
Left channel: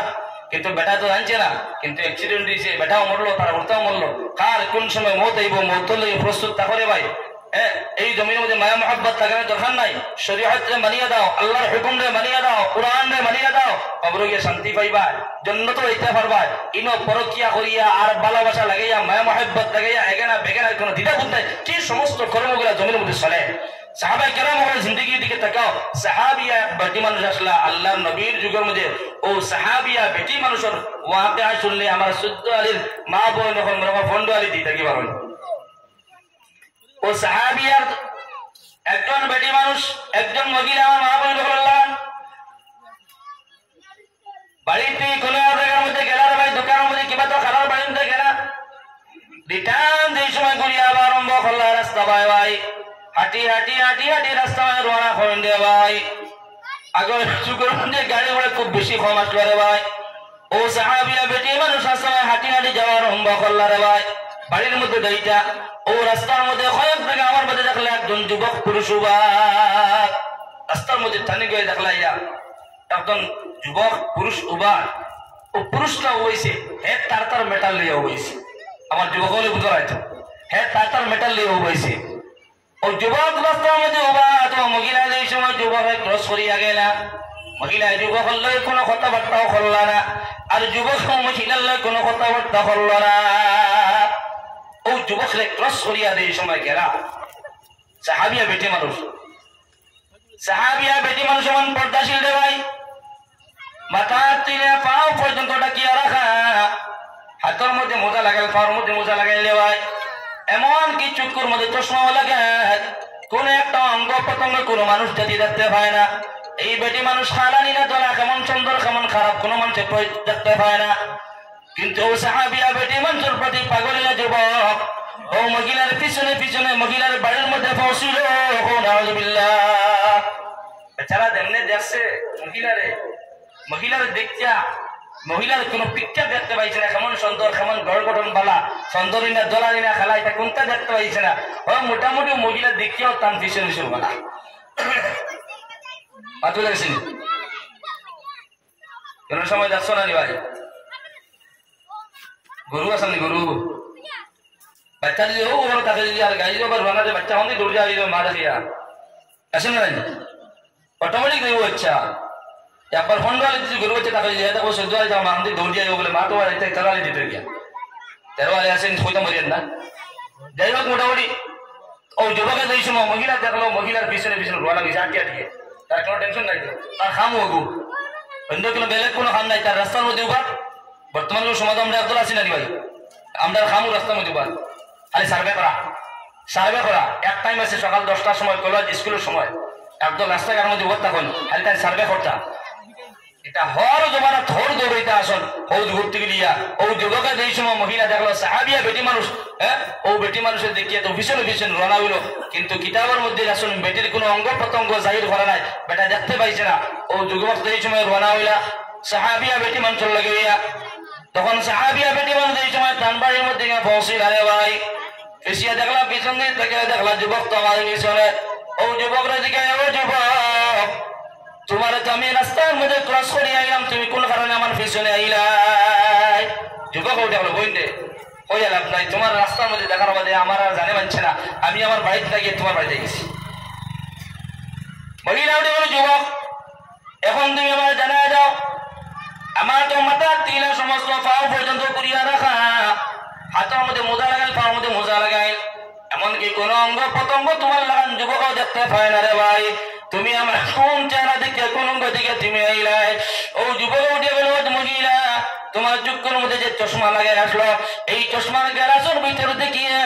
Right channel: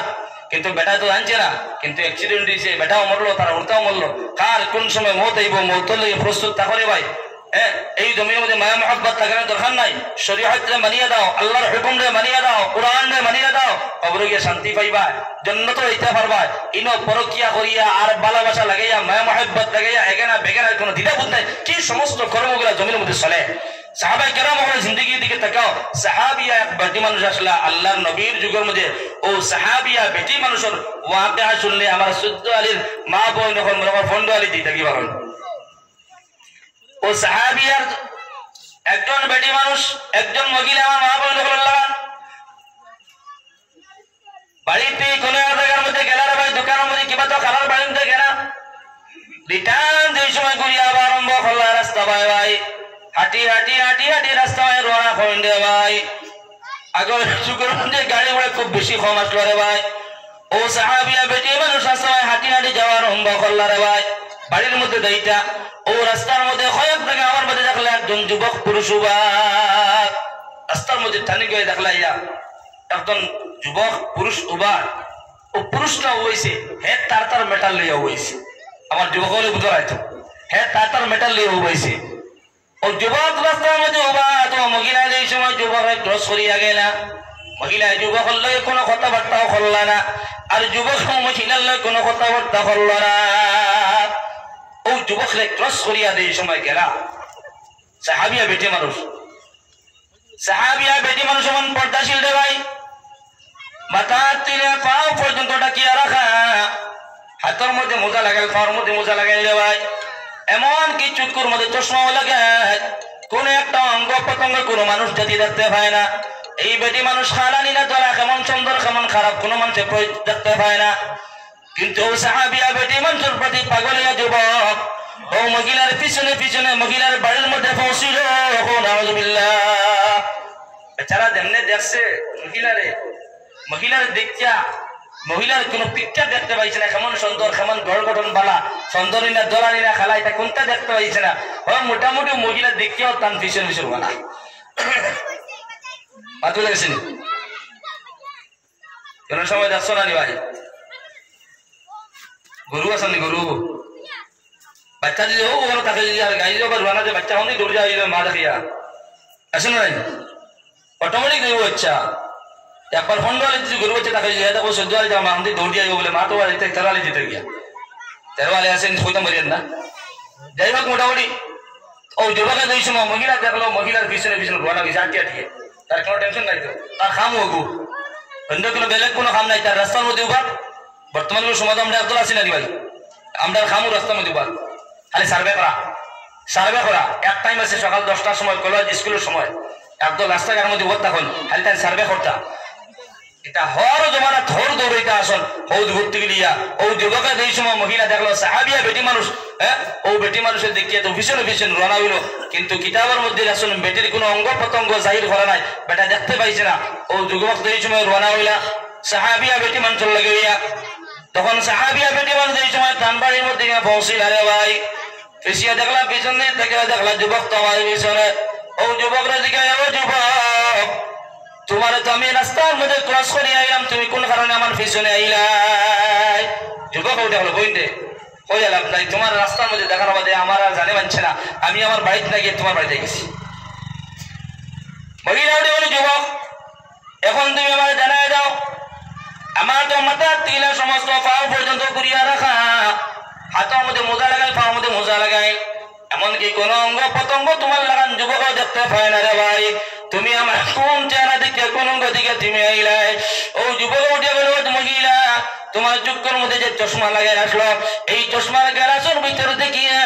কিন্তু বেটা তো জানছে না কিন্তু অ্যাক্সিডেন্ট হয়েছে বেটাও মরলো তারা উল্টাও মরলো কার কোন সময় মত আইব মত লইয়ে প্রস্তুত থাকরে ভাই এই জমির মধ্যে মায়া মহব্বত লাগানোর দরকার নাই শরীয়তরে মানিয়ে দাও আল্লাহর হুকুমরে মানিয়ে দাও কোরআনরে মানিয়ে দাও কবরে গিয়ে শান্তি পাইবা জান্নাতে যাইতে পারবা ইনো পরকিয়া করিয়া আর ভালোবাসা লাগাইয়া মায়া মহব্বত লাগাইয়া এগেনা বেগেনার কোনো দ্বিধাবোধ নাই কি সমস্ত কর্মগুলো জমির মধ্যে চলে সাহাবা কেরাম ওর জিন্দেগির দিকে তাকাও সাহাবিয়া এক বেটি মানুষ আসলা আল্লাহর নবীর যুগের মধ্যে ও সাহাবিয়া বেটি মানুষের ওয়াকিয়া শুনলে আমার সূর্য আলীর মা বোন যখন আমার ফন্ড আলী দিতে কি পারেন ও সাহাবিয়ার একজন বেটি মানুষ একজন মহিলা আমার মা বোন বললাম বাড়িতে কোনো জায়গার মধ্যে গেলার ভাই দোকানের মধ্যে কিবা তো খাবার বাড়িতে গেলা রিটার্ন যে সময় ঘুরিয়ে আবার আরম্ভ করলা রাস্তা ভাই হাঁটি হাঁটি হাঁটি হাঁটি রাস্তায় রওনা করেন রে ভাই আগর যুগের মধ্যে গাড়ি ঘোড়া খুব বেশি কম আসলো রে ভাই ও সাহাবিয়া বেটি মানুষ রাস্তায় হাঁটি হাঁটি যাওয়ার আরম্ভ করলা রে ভাই বাড়ির মধ্যে দাইটা ও রাস্তার মধ্যে কয়েক থেকে আমার মধ্যে দেখলে একজন যুবক পুরুষ রাস্তার মধ্যে টানি গিয়ে দেখলা ইয়া একজন যুবক পুরুষ উবার ও পুরুষটা হয়েছে হে তার মেটাল লিয়া হয়েছে আমার যুবক হলে বুঝতে পারতো হে তার মেটাল লিয়া হয়েছে ও যুবক রাস্তার মধ্যে উবা তোমার মহিলা এই সময় যুবক ক্রস করিয়া গেলা মহিলা যুবক লয় কোনো কথাবার্তাও করল না আর যুবক মহিলার লয় কোনো কথাবার্তা করল না ও যুবকরে ক্রস করিয়া এই সময় গেলা সাহাবিয়া বেটি মানুষ সমান পর্দাশীল রে ভাই মাথা তুলে পাও পর্যন্ত ডাকিয়া রাখা হাতের মধ্যে মোজা লাগাই পাওয়ার মধ্যে মোজা লাগাই রে ভাই এমন কি চুকুর মধ্যে চশমাও লাগায় কোন একটা অঙ্গ প্রত্যঙ্গ কোনো মানুষ যদি দেখতে পায় না এই বেটি মানুষ খালানি না তোলা কেমন সুন্দর কেমন খারাপ কোনো মানুষের দেখতে পায় না কিন্তু সাহাবিয়া বেটি মানুষের প্রতি পাগলিয়া যুবক ও মহিলার পিছনে পিছনে মহিলার বাড়ির মধ্যে পৌঁছিল বেচারা যেমনে দেখছে মহিলার দেখিয়া মহিলার কোন পিকচার দেখতে পাইছে না কেমন সুন্দর কেমন গড় গঠন বালা সুন্দরী না দোলানি না খেলা এটা কোনটা দেখতে পাইছে না ও মোটামুটি মহিলা দেখিয়াও তান পিছনে পিছনে বানা পাতু দেখছেন কোন সময় দেখছো না ভাই গরু আসেননি গরু বাচ্চা যদি হোক ওখানে তাকে যদি আর গাড়ি যাবার বানা যে বাচ্চা হলে দৌড়ে যাওয়া মা দেখিয়া আসেন না অটোমেটিক গরু বাচ্চা একবার ফোন ডালে যদি গরু বাচ্চা তাকে যায় দেখো সহ্য হয় মা আমাদের দৌড় যাই বলে মা তো তেরোয়ালে দিতে গিয়া তেরোয়ালে আসেন সইতাম বলেন না যাই হোক মোটামুটি ও যুবকে যেই সময় মহিলা দেখলো মহিলার পিছনে পিছনে রোয়া লাগিয়েছে আটকে আটকে তার কোনো টেনশন নাই তো তার খাম হগু অন্য কোনো বেলেগ কোনো খাম নাই তার রাস্তার মধ্যে উবার বর্তমানে সমাজ আমরা একদল আছি না ভাই আমরা খামু রাস্তার মধ্যে উবার খালি সার্ভে করা এক টাইম আছে সকাল 10টার সময় কলেজ স্কুলের সময় একদল রাস্তাঘাটের মধ্যে উবার থাকুন খালি তাই সার্ভে করতা এটা হর জমানা থর দৌড়াইতে আসন হৌদ ঘুরতে গিয়া ও যুবকে যেই সময় মহিলা দেখলো সাহাবিয়া বেটি মানুষ ও বেটি মানুষের দেখিয়ে তো ভীষণ ভীষণ রওনা হইল কিন্তু কিতাবের মধ্যে আসুন বেটির কোনো অঙ্গ প্রত্যঙ্গ জাহির করা নাই বেটা দেখতে পাইছে না ও যুবক যেই সময় রওনা হইলা সাহাবিয়া বেটি মানুষের লাগে তখন সাহাবিয়া বেটি মানুষ এই সময় তানবাড়ির মধ্যে পৌঁছিল আরে ভাই এসিয়া দেখলা পিছনে থেকে দেখলা যুবক তোমার পিছনে ও যুবকরা জিজ্ঞাসা ও যুবক তোমার তো আমি রাস্তার মধ্যে ক্রস করে আইলাম তুমি কোন কারণে আমার পিছনে আইলাই যুবক ওইটা হলো বইতে হয়ে গেলাম তাই তোমার রাস্তার মধ্যে দেখার বাদে আমার আর জানে পারছে না আমি আমার বাড়িতে না গিয়ে তোমার বাড়িতে গেছি মহিলা ওটা হলো যুবক এখন তুমি আমার জানায় দাও আমার তো মাথার তিলা সমস্ত পাও পর্যন্ত করিয়া রাখা হাতের মধ্যে মোজা লাগাই পাওয়ার মধ্যে মোজা লাগাই এমনকি কোন অঙ্গ প্রত্যঙ্গ তোমার লাগান যুবকও দেখতে পায় না রে ভাই তুমি আমার কোন চেহারা দিকে কোন অঙ্গ দিকে তুমি আইলাই ও যুবক উঠে গেল মহিলা তোমার চোখের মধ্যে যে চশমা লাগাই আসলো এই চশমার গ্লাসের ভিতরে দেখিয়া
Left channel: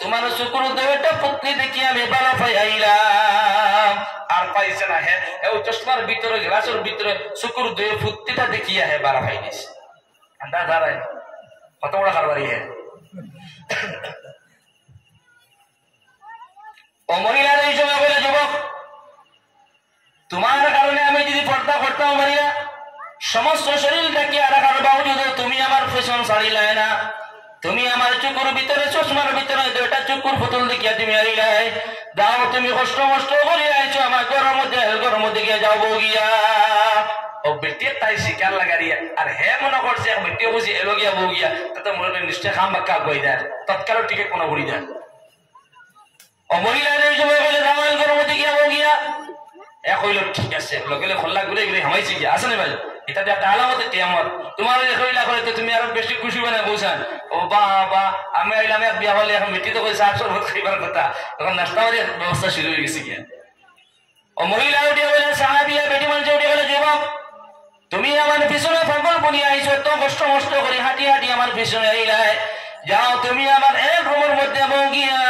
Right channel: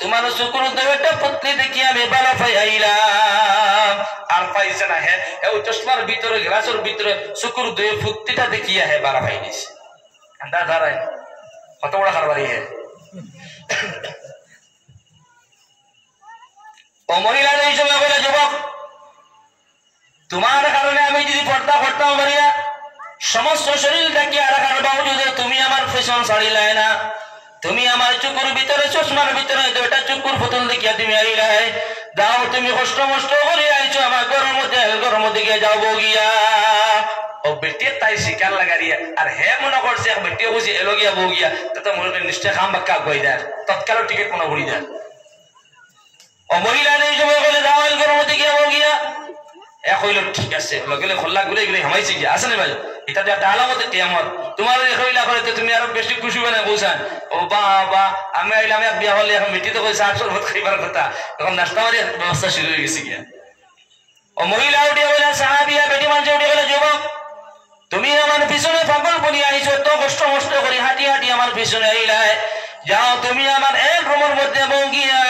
তোমার শুক্র দেবটা পত্নী দেখিয়া আমি ভালো পাই আইলাম আর পাইছে না হ্যাঁ এই চশমার ভিতরে গ্লাসের ভিতরে শুক্র দেব পুত্তিটা দেখিয়া হ্যাঁ ভালো পাই গেছে আন্দা দাঁড়ায় কত বড় কারবারি হ্যাঁ ও মহিলার এই সময় বলে যুবক তোমার কারণে আমি যদি পর্দা করতাম পারিয়া সমস্ত শরীর দেখিয়া রাখার বাবজুদ তুমি আমার পেছন ছাড়িলাই না তুমি আমার চুকুর ভিতরে চশমার ভিতরে দুইটা চুকুর পুতুল দেখিয়া তুমি আইলাই যাও তুমি কষ্ট মষ্ট করে আইছো আমার ঘরের মধ্যে গিয়ে যাবো গিয়া ও বেটিয়ে তাই শিকার লাগারিয়া আর হে মনে করছে বেটিয়ে বুঝি এলো গিয়া বউ গিয়া তাতে মনে করি নিশ্চয় খাম বাক্কা কই দেয় তৎকাল টিকিট কোনো ঘুরি দেয় ও মহিলা এই সময় বলে যাও ঘরের মধ্যে গিয়া বউ গিয়া এক হইল ঠিক আছে লগে খোল্লা ঘুরে ঘুরে হামাইছে কি আছে না ভাই এটা একটা আলামতে কি আমার তোমার হইলা করে তো তুমি আরো বেশি খুশি বানা বলছেন ও বাবা আমি আইলাম এক বিয়া হলে এখন মিটি তো কই 700 ভাত খাইবার কথা তখন নাস্তা করে ব্যবস্থা শুরু হয়ে গেছে কি ও মহিলা উঠে বলে সাহাবিয়া বেটি মানুষ উঠে গেলে যুবক তুমি আমার পিছনে পাগল বলি আইছো তো কষ্ট মষ্ট করে হাঁটি হাঁটি আমার পিছনে আইলাই যাও তুমি আমার এক রুমের মধ্যে বউ গিয়া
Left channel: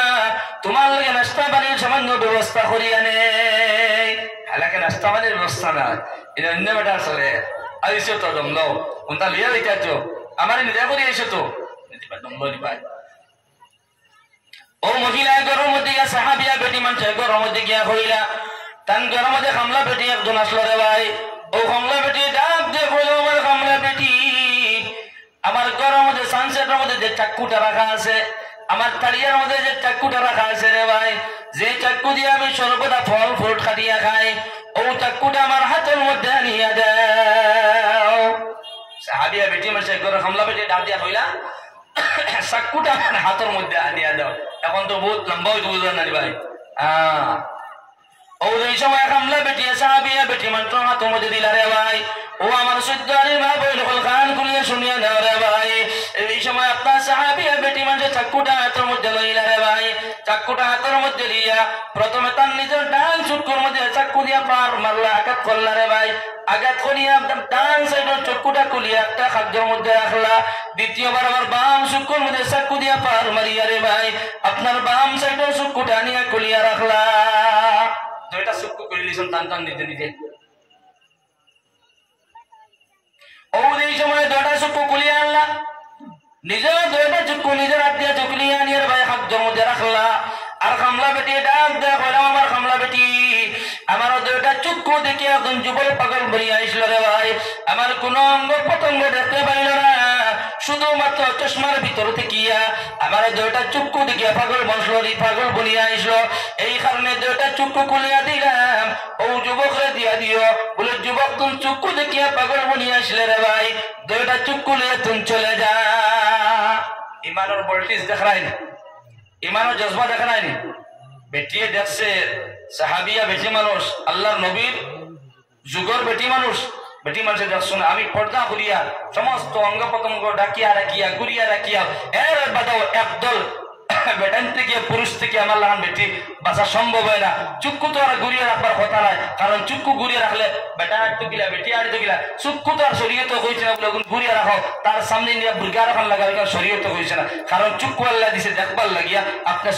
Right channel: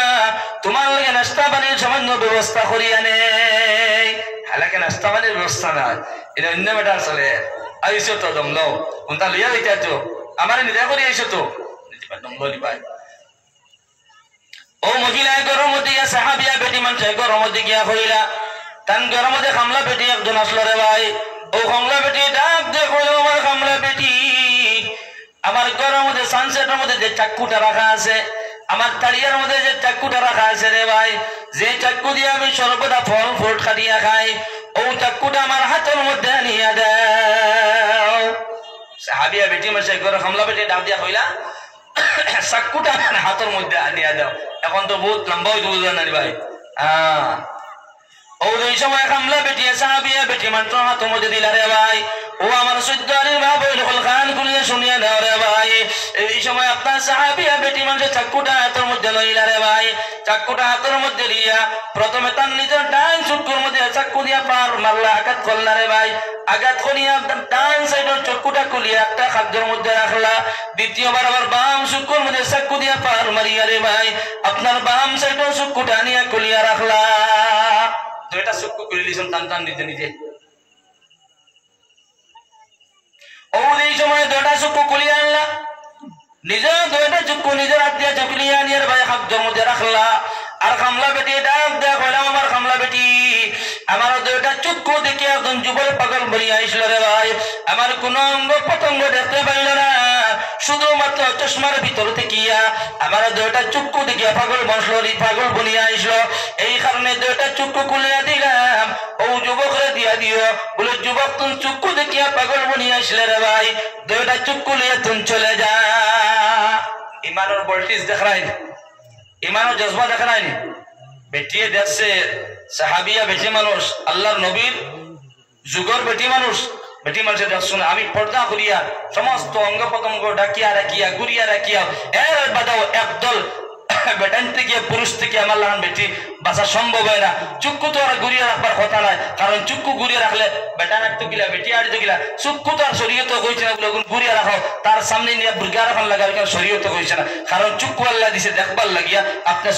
তোমার লাগে নাস্তা পানির সামান্য ব্যবস্থা করিয়া নে হালাকে নাস্তা পানির ব্যবস্থা না এটা অন্য বেটার চলে আইসো তো দমলো কোনটা লিয়া দিতে আমার নিজে করে আইসো তো দমলো নিবাই ও মহিলা গরম মধ্যে গিয়া সাহাবিয়া বেটি মানুষ গরম মধ্যে গিয়া হইলা তান গরম মধ্যে খামলা বেটি একজন আসলো রে ভাই ও খামলা বেটি ডাক দিয়ে কইল আমার খামলা বেটি আমার গরম মধ্যে সানসেটের মধ্যে যে চাক্কুটা রাখা আছে আমার তাড়িয়ার মধ্যে যে চাক্কুটা রাখা আছে রে ভাই যে চাক্কু দিয়ে আমি সর্বদা ফল ফ্রুট কাটিয়া খাই ও চাক্কুটা আমার হাতের মধ্যে আনিয়া দাও সাহাবিয়া বেটি মাসে গরম খামলা বেটি ডাক দিয়া কইলা চাক্কুটা আমার হাতের মধ্যে আনিয়া দাও এখন তো বহুত লম্বা হইতে বুঝলেন না ভাই ও এই সময় খামলা বেটি সাহাবিয়া বেটি মাত্র হাতের মধ্যে দিলা রে ভাই ও আমার সুদ্দারি মা বইল খান খুলিয়ে শুনিয়া দাও রে ভাই এই সময় আপনার সাহাবিয়া বেটি মানুষের চাক্কুটা হাতের মধ্যে লইলা রে ভাই চাক্কুটা হাতের মধ্যে লিয়া প্রথমে তার নিজের ডান চক্ষুর মধ্যে চাক্কু দিয়া পার মারলা আঘাত করলা রে ভাই আঘাত করিয়া ডান সাইডের চক্ষুটা খুলিয়া একটা খাদ্যের মধ্যে রাখলা দ্বিতীয়বার আবার বাম চক্ষুর মধ্যে চাক্কু দিয়া পার মারিয়া রে ভাই আপনার বাম সাইডের চক্ষুটা নিয়ে খুলিয়া রাখলা দুইটা চক্ষু খুলে দিয়েছেন টান টান নিজে নিজে ও এই সময় দুইটা চক্ষু খুলিয়ে আনলা নিজের দুইটা চক্ষু নিজের হাত দিয়ে চকুলিয়ে আনিয়ে ভাই খাদ্যের মধ্যে রাখলা আর খামলা বেটি ডাক দেয়া কইলাম আমার খামলা বেটি আমার দুইটা চক্ষু দেখে একজন যুবক পাগল বলিয়া আসল রে ভাই আমার কোন অঙ্গ প্রত্যঙ্গ দেখতে পাইল না শুধুমাত্র চশমার ভিতর থেকে আমার দুইটা চক্ষু দেখে পাগল বসল পাগল বলিয়া আসলো এই কারণে দুইটা চক্ষু খুলিয়া দিলাম ও যুবকরে দিয়া দিও বলে যুবক তুমি চক্ষু দেখিয়া পাগল বলিয়া আসলে রে ভাই দুইটা চক্ষু লিয়ে তুমি চলে যা ইমানের ভোল্টেজ দেখা নাই ইমানের জজবা দেখা নাই বেটিয়ে দেখছে সাহাবিয়া বেটি মানুষ আল্লাহর নবীর যুগর বেটি মানুষের দেখছো না আমি পর্দা করিয়া সমস্ত অঙ্গ প্রত্যঙ্গ ডাকিয়া রাখিয়া ঘুরিয়া রাখিয়া এর বাদাও একদল বেটান থেকে পুরুষ থেকে আমার লাগান বেটি বাঁচা সম্ভব হয় না চুক্কু তো আর ঘুরিয়ে রাখবার কথা নয় কারণ চুক্কু ঘুরিয়ে রাখলে বেটা আটতো গিলা বেটি আটতো গিলা চুক্কু তো আর শরীয়ত কইছে না বলে ঘুরিয়ে রাখো তার সামনে নিয়ে বুর্গা রাখার লাগা শরীয়ত কইছে না কারণ চুক্কু আল্লাহ দিছে দেখবার লাগিয়া আপনি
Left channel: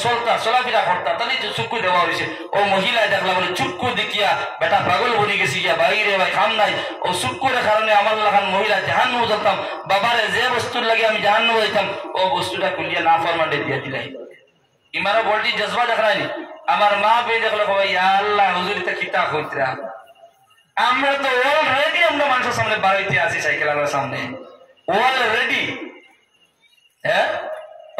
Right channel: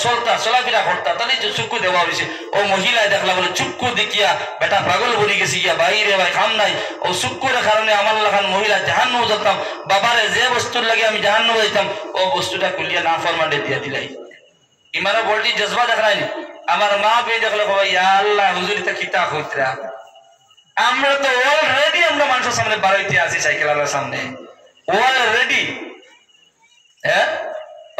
চলাফেরা করতা তাহলে যে চুক্কু দেওয়া হয়েছে ও মহিলায় দেখলা বলে চুক্কু দেখিয়া বেটা পাগল বলে গেছি গিয়া বাইরে ভাই খাম নাই ও চুক্কুর কারণে আমার লাগান মহিলা জাহান্নাম যেতাম বাবারে যে বস্তুর লাগে আমি জাহান্নাম যেতাম ও বস্তুটা খুলিয়া না ফরমাটে দিয়ে দিলাই ইমানের বলটি জজবা দেখা নাই আমার মা পেয়ে দেখলো ইয়া আল্লাহ হুজুর তা কিতা কইতরা আমরা তো অলরেডি আমরা মানুষের সামনে বাড়াইতে আছি সাইকেলের সামনে অলরেডি হ্যাঁ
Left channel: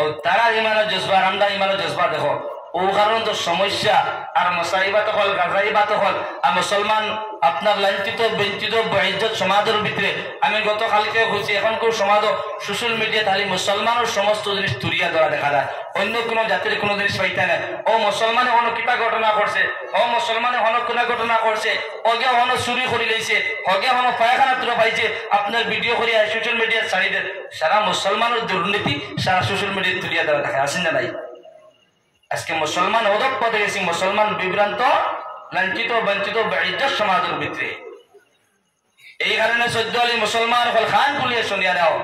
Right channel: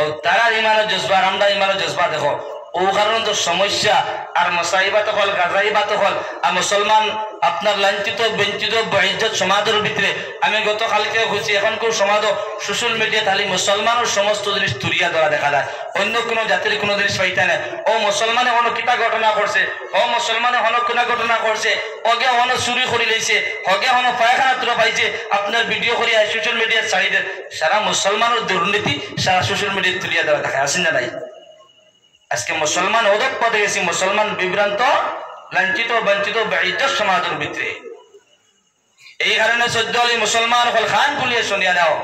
ও তারা ইমানের জজবা আমরা ইমানের জজবা দেখো ও কারণ তো সমস্যা আর মসাইবাত হল গাজাইবাত হল আর মুসলমান আপনার লাঞ্ছিত বঞ্চিত বহিজ্জত সমাজের ভিতরে আমি গতকালকে হয়েছি এখনকার সমাজ সোশ্যাল মিডিয়া খালি মুসলমানের সমস্ত জিনিস তুলিয়া ধরা দেখা যায় অন্য কোনো জাতির কোনো জিনিস পাইতে না ও মুসলমানে হনো কিতা ঘটনা করছে ও মুসলমানে হনো কোনা ঘটনা করছে ওকে হনো চুরি করে লইছে হকে হনো পায়খানা তুলে পাইছে আপনার ভিডিও করে সোশ্যাল মিডিয়া ছাড়ি দেন সারা মুসলমানের দুর্নীতি সারা সোশ্যাল মিডিয়া তুলিয়া ধরা দেখা আসেন না নাই আজকে মুসলমান ওদক পদে গেছি মুসলমান বিভ্রান্ত লাঞ্ছিত বঞ্চিত বেইজ্জত সমাজের ভিতরে এই কারণে সদ্য আলী মুসলমান হল খান বলিয়ে শুনিয়া দাও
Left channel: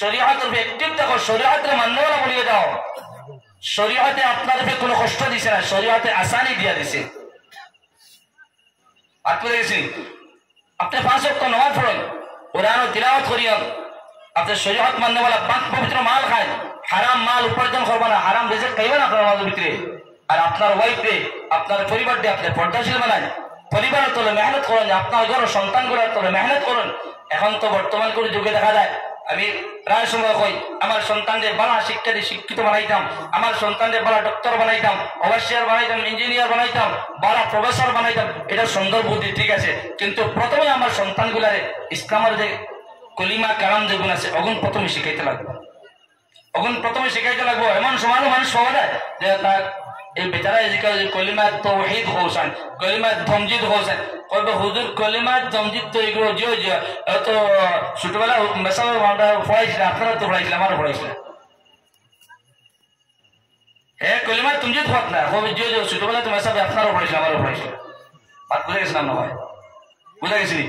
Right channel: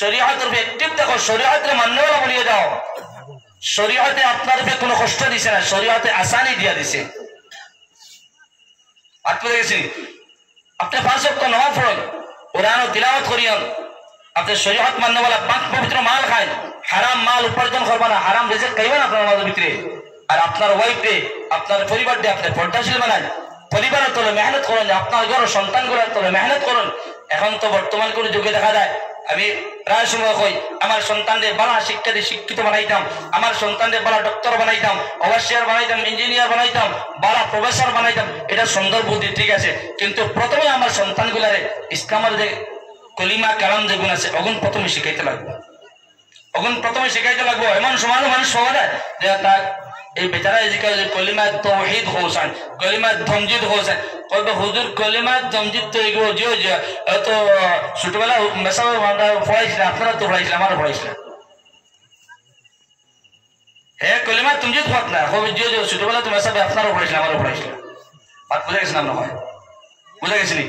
শরীয়তের একটিভ দেখো শরীয়তের মান্যওয়ালা বলিয়ে দাও শরীয়তে আপনার কোনো কষ্ট দিছে না শরীয়তে আসানি দিয়া দিছে আপনি দেখেছি আপনি 5 ওয়াক্ত নামাজ পড়েন কোরআন তিলাওয়াত করিয়েন আপনি শরীয়ত মান্যওয়ালা পাঁচ পবিত্র মাল খায় হারাম মাল উপার্জন করবা না হারাম রিজিক খাইবেন আপনার মালের ভিতরে আর আপনার ওয়াইফে আপনার পরিবারটি আপনি পর্দাশীল বানান পরিবারের তলে মেহনত করেন আপনার ঘর সন্তানগুলোর তলে মেহনত করুন এখন তো বর্তমান করে যুগে দেখা যায় আমি প্রায় সময় কই আমার সন্তানদের বালা শিক্ষা দিয়ে শিক্ষিত বানাইতাম, আমার সন্তানদের বালা ডক্টর বানাইতাম, ওভারসিয়ার বানাইতাম, ইঞ্জিনিয়ার বানাইতাম, বালা প্রফেসর বানাইতাম। এটা সুন্দর বুদ্ধি, ঠিক আছে, কিন্তু প্রথমে আমার সন্তানগুলারে ইসলামের যে কলিমা কালাম যেগুলো আছে অগুন প্রথমে শিখাইতে লাগবে, অগুন প্রথমে শিখাইতে লাগবো। এমন সময় মানুষ পাওয়া যায় যে তার এই বেচারা যে কলিমা তাওহীদ হোসেন, কলিমা তমজিদ হোসেন, কইবে হুজুর কলিমা তমজিদ তো এগুলো জিও জিও তো ছোটবেলা মেসাব আমরা পড়াইছিলাম, আপনারা তো পড়াইছিলেন, আমারও পড়াইছিলেন। হ্যাঁ কলিমা তমজিদ হত না, কবে জিও জিও ছোটবেলা তো মেসাব আপনারাও পড়াইছিলেন, আমারও পড়াইছিলেন। আর বুঝে গেছিলাম না হয়, বুঝে গেছিলি?